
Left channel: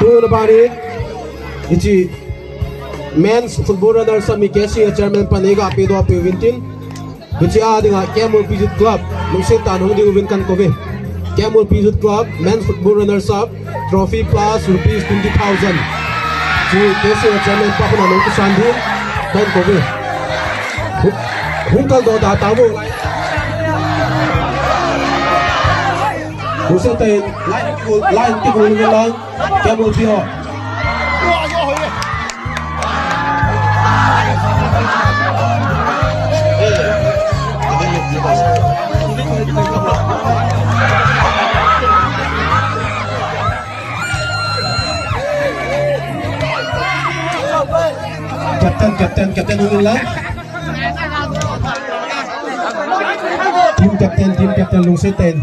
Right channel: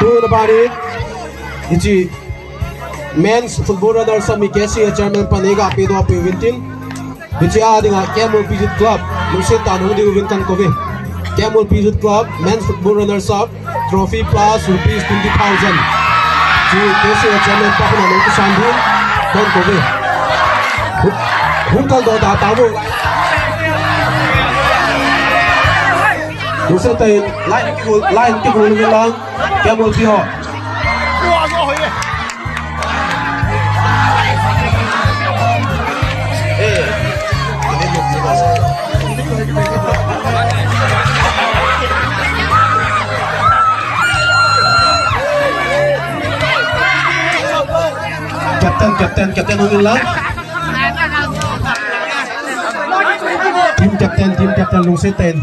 Two about it. It's men's football runners sa Mikesi Chairman Paniga Pedro Pintin. It's adding a Camel Pijut Club. Lusit tanong di win kan kobe. Camel Pijut Club men's football runners up trophy plus rupees 20,000. Si Mikesi Chairman pa kuno nung kusandin kan kobe. Hungkal do datawo. Musim tayo line tikul lang Camel Pio. Kapten lang. Team captain Lungsit tayo.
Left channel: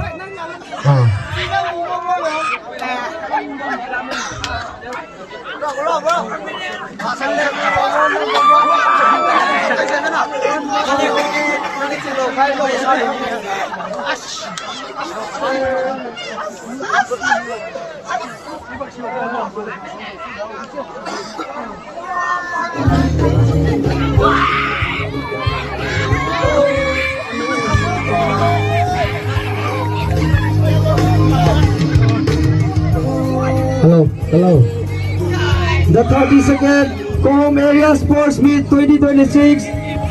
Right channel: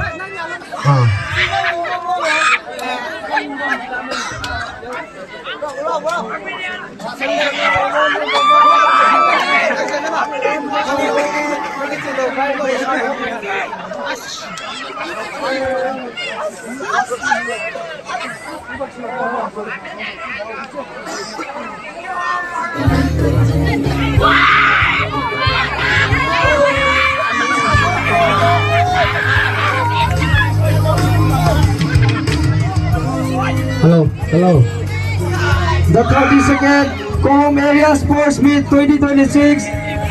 Hello. The 32nd Cohom Area Sports Meet 2026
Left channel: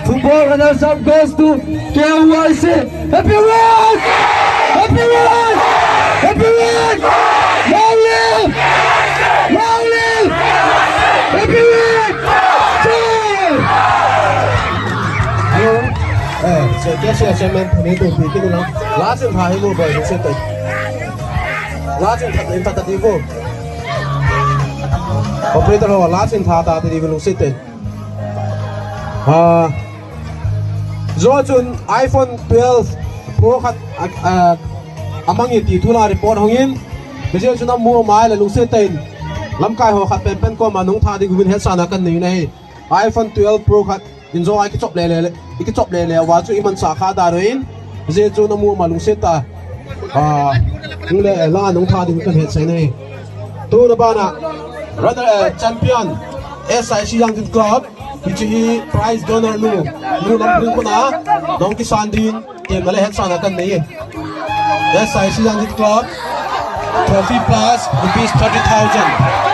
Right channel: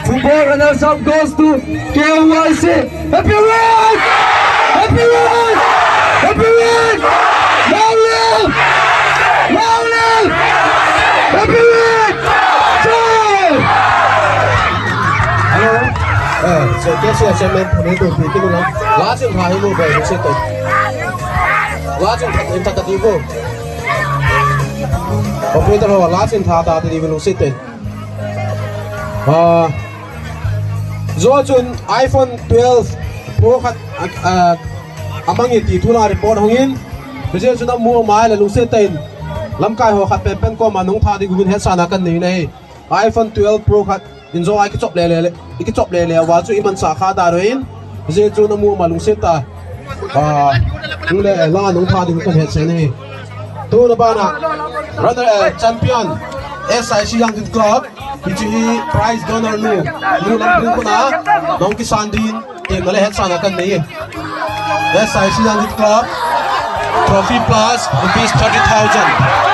football runners-up goes to KYC. Happy win! Happy win! Happy win! Long live! Long live! Happy win! Hello. So guess you chairman puni to bikin ulang. Last time hari mo boy, saya tu. last in tactivo operator ho last in tha ta ti velu sit zo chun iPhone 12 Pro khat amangi ti thula report hongin bijel chuna mu mai la lu se ten lamkai ho khat pen ko manung tha di gun he sana kan nei nei iPhone 12 Pro khat inzo ai ki chop le wa chu iman sa kha da roin bijel chuna mu ma lu se ta le la nung tha di kan he se nei tu na bana brother champion SIC Young Club Pichi prize donor nu lam pring ko na nong ki sandin te male het sana kan nei SIC Young Club trophy plus rupees 30,000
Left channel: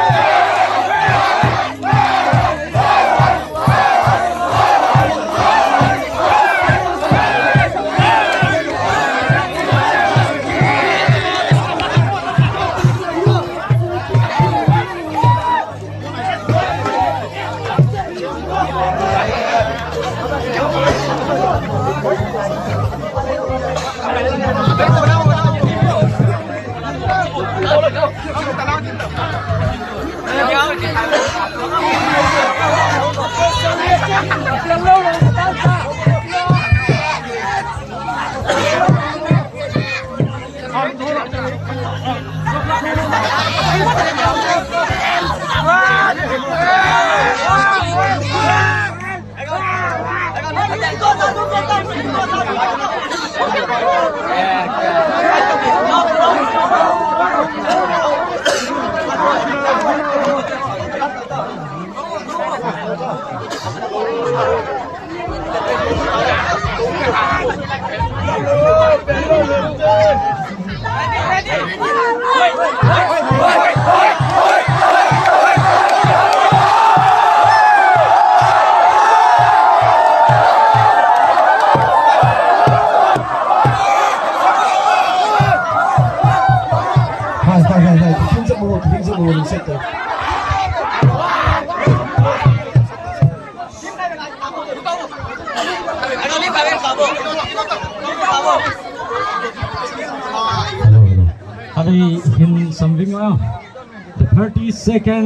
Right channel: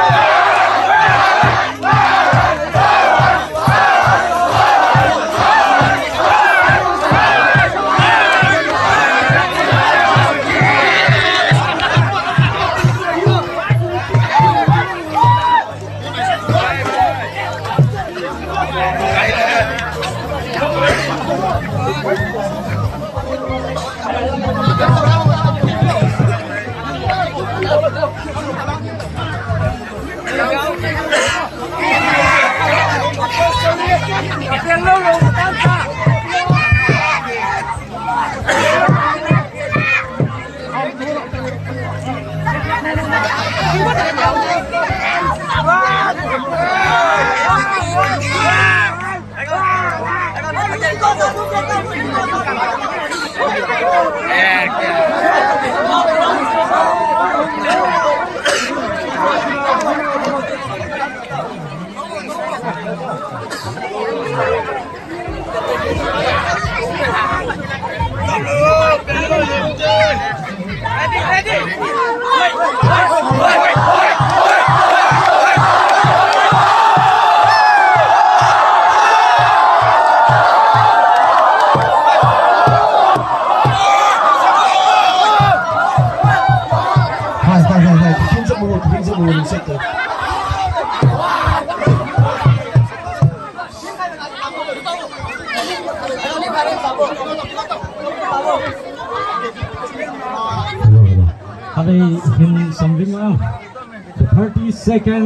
The 32nd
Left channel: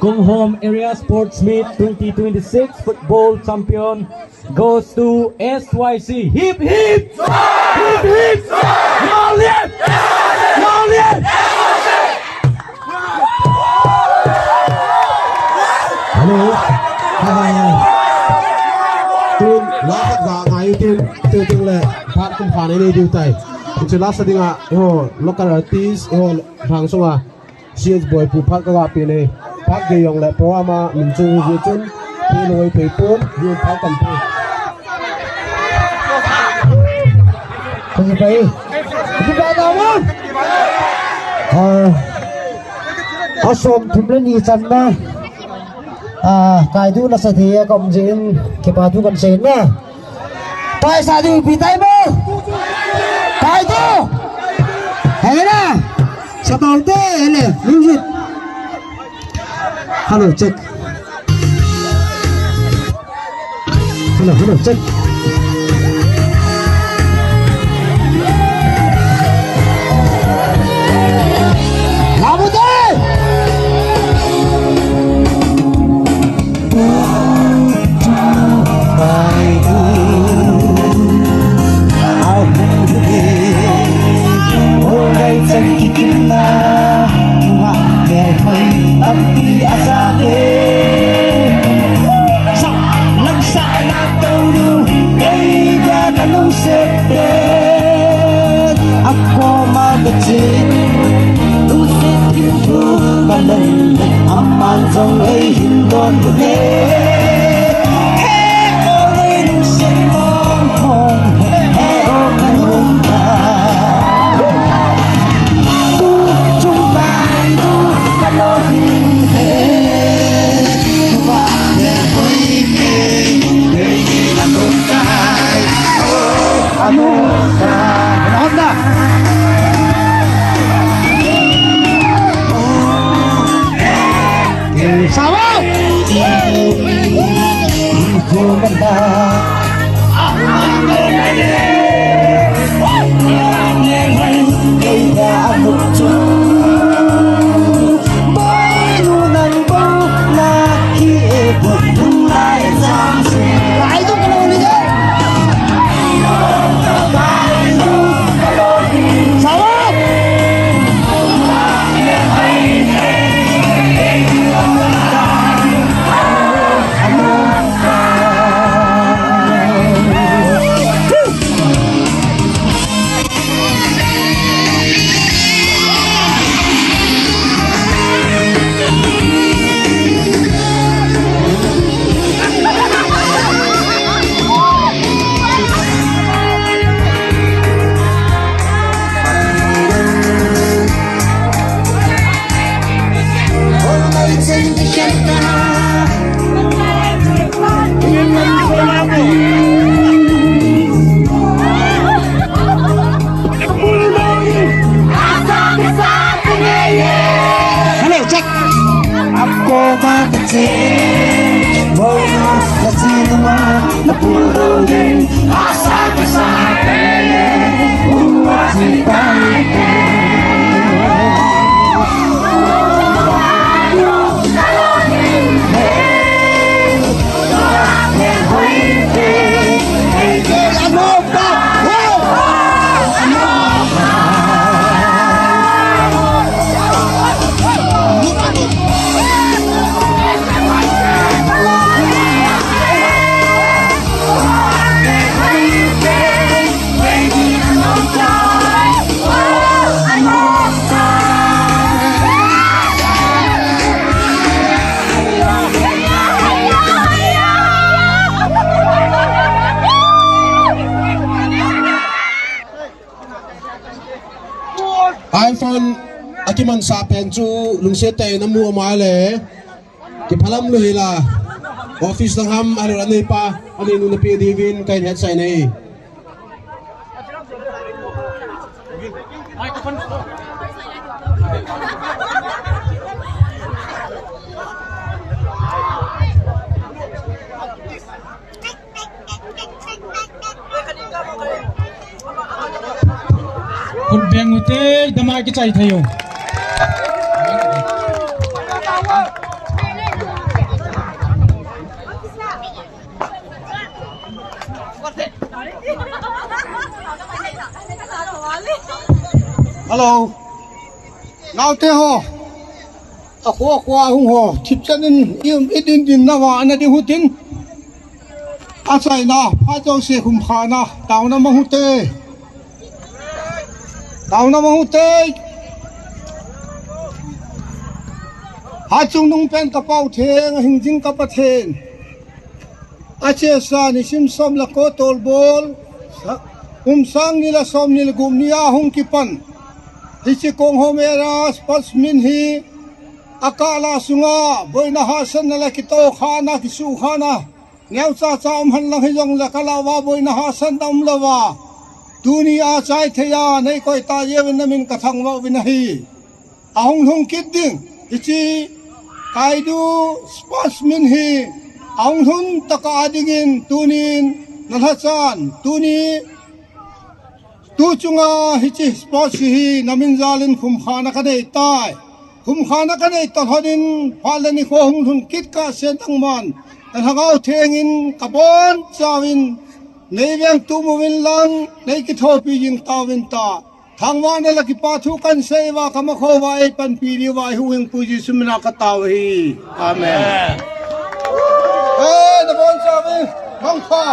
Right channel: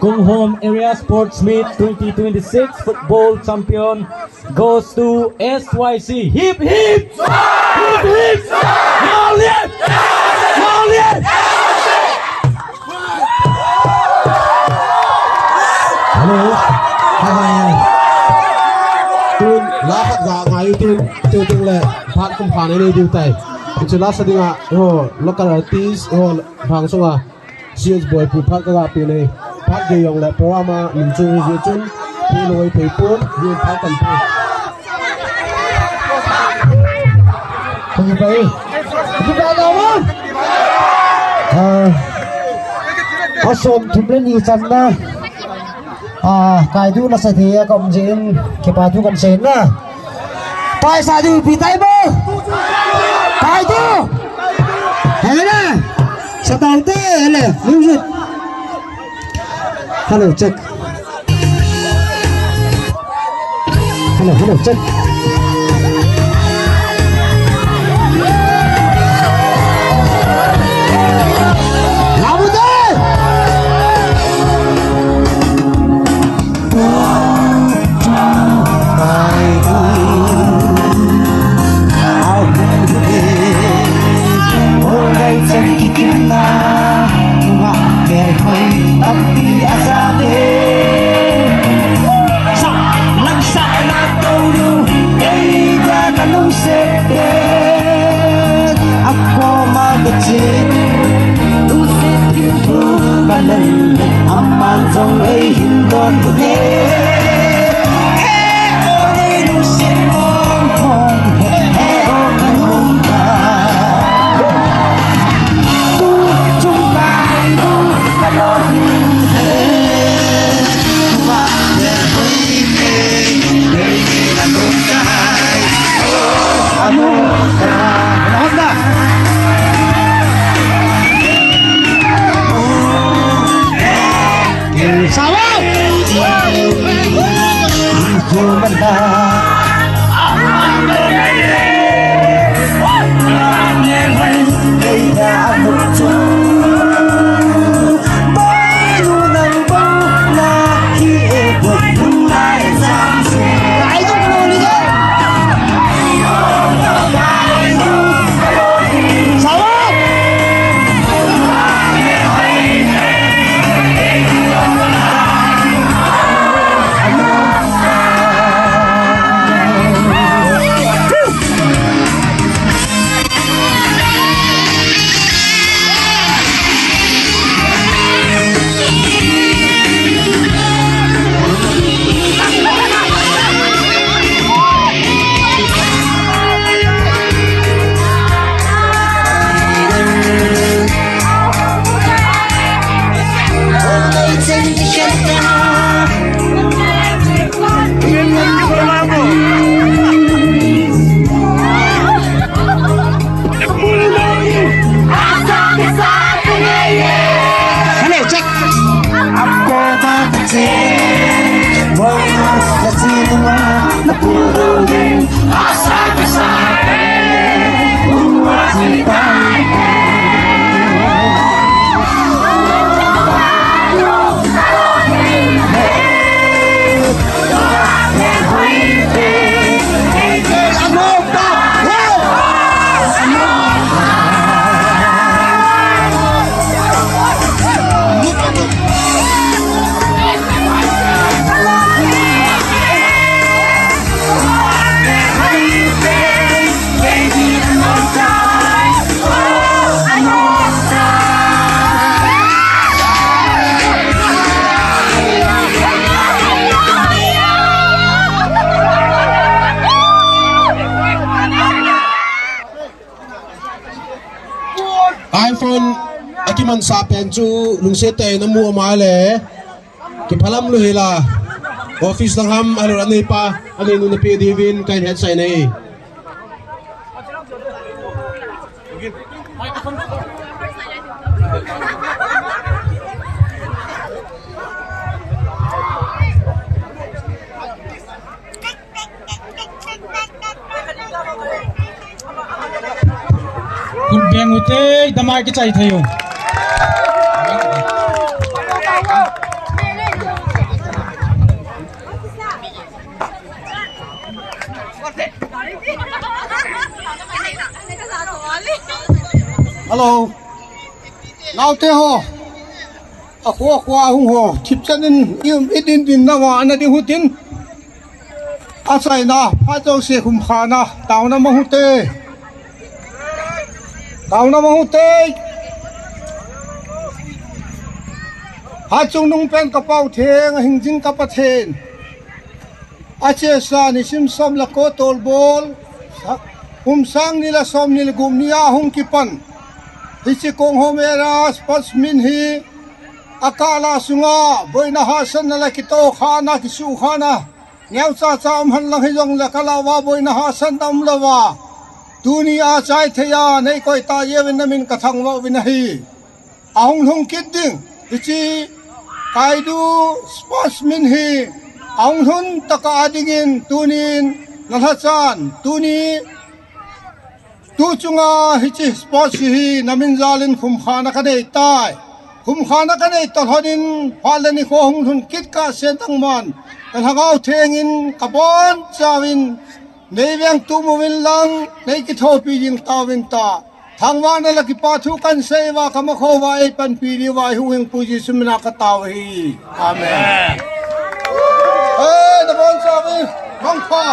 Go Home Area Sports Meet 2026 football champion goes to SYC. Hip hip! Hip hip! Malian! Malian! Hello. Hi. Tun lahat ga ngayon tin le phat kum phane ni diu tai. Itu last dinga local artist phang songa CS boy pu phat ka pi ne phat ge yong le poama min chu je chun pi loi pe pon ye phat kan pu Đi về đâu mà? Asom thumle ni channa. Kai du na sa thia kom jin ke pa du kan sen na. Pai sa du pi tai mo. Kai du. Hai na. Sa tao te le, music. Hello check. Hello check. Sa lang sa na iPhone akiman sa pen chu lungsete na mu amale ki phalam lu hila office ng ham alo ani pa ani nu na pi divin kain het sai nei kun beng ute damai ki chai thayo Hello. Nào thế ho. Qua hung ho. Chip chân in idin na wa na di hutin. Asai na pha châu se khum kha na tao na ma hute. Tao na ma hute. Ha chung nung pen ka pau theng hing jing ka pa then. Ache sa ni sim som la ko tol bol. Sang nila som nila gum niya hung kipan. Hichi kong homeras pasmin hi akala sunga boina hasan na lakito khana kisu khana ngeu cha cha man lang hijong la kalawa boina hasan dam lawa dunia chai thaya nei koi ta yewin namin kathang wa winahi ahung hung kidding hichi kaidu pasmin hi ahung hun taka adingin tunin nalhachan tuni tu chunga hichi sports hi namin zalin khum khana ka nei tai khum khana ka nei to hodin phalani kho hung thun kit ka sen tang man an hangau thengin kabon chawin nei veng tu movin lang nei ki tho pi jing tawin ta thangwa na la ki pa thu kan sei wa kama kho wa e pan pi ri wa hu heng puji sumna ka taw hi amen oi the bon chawin long kha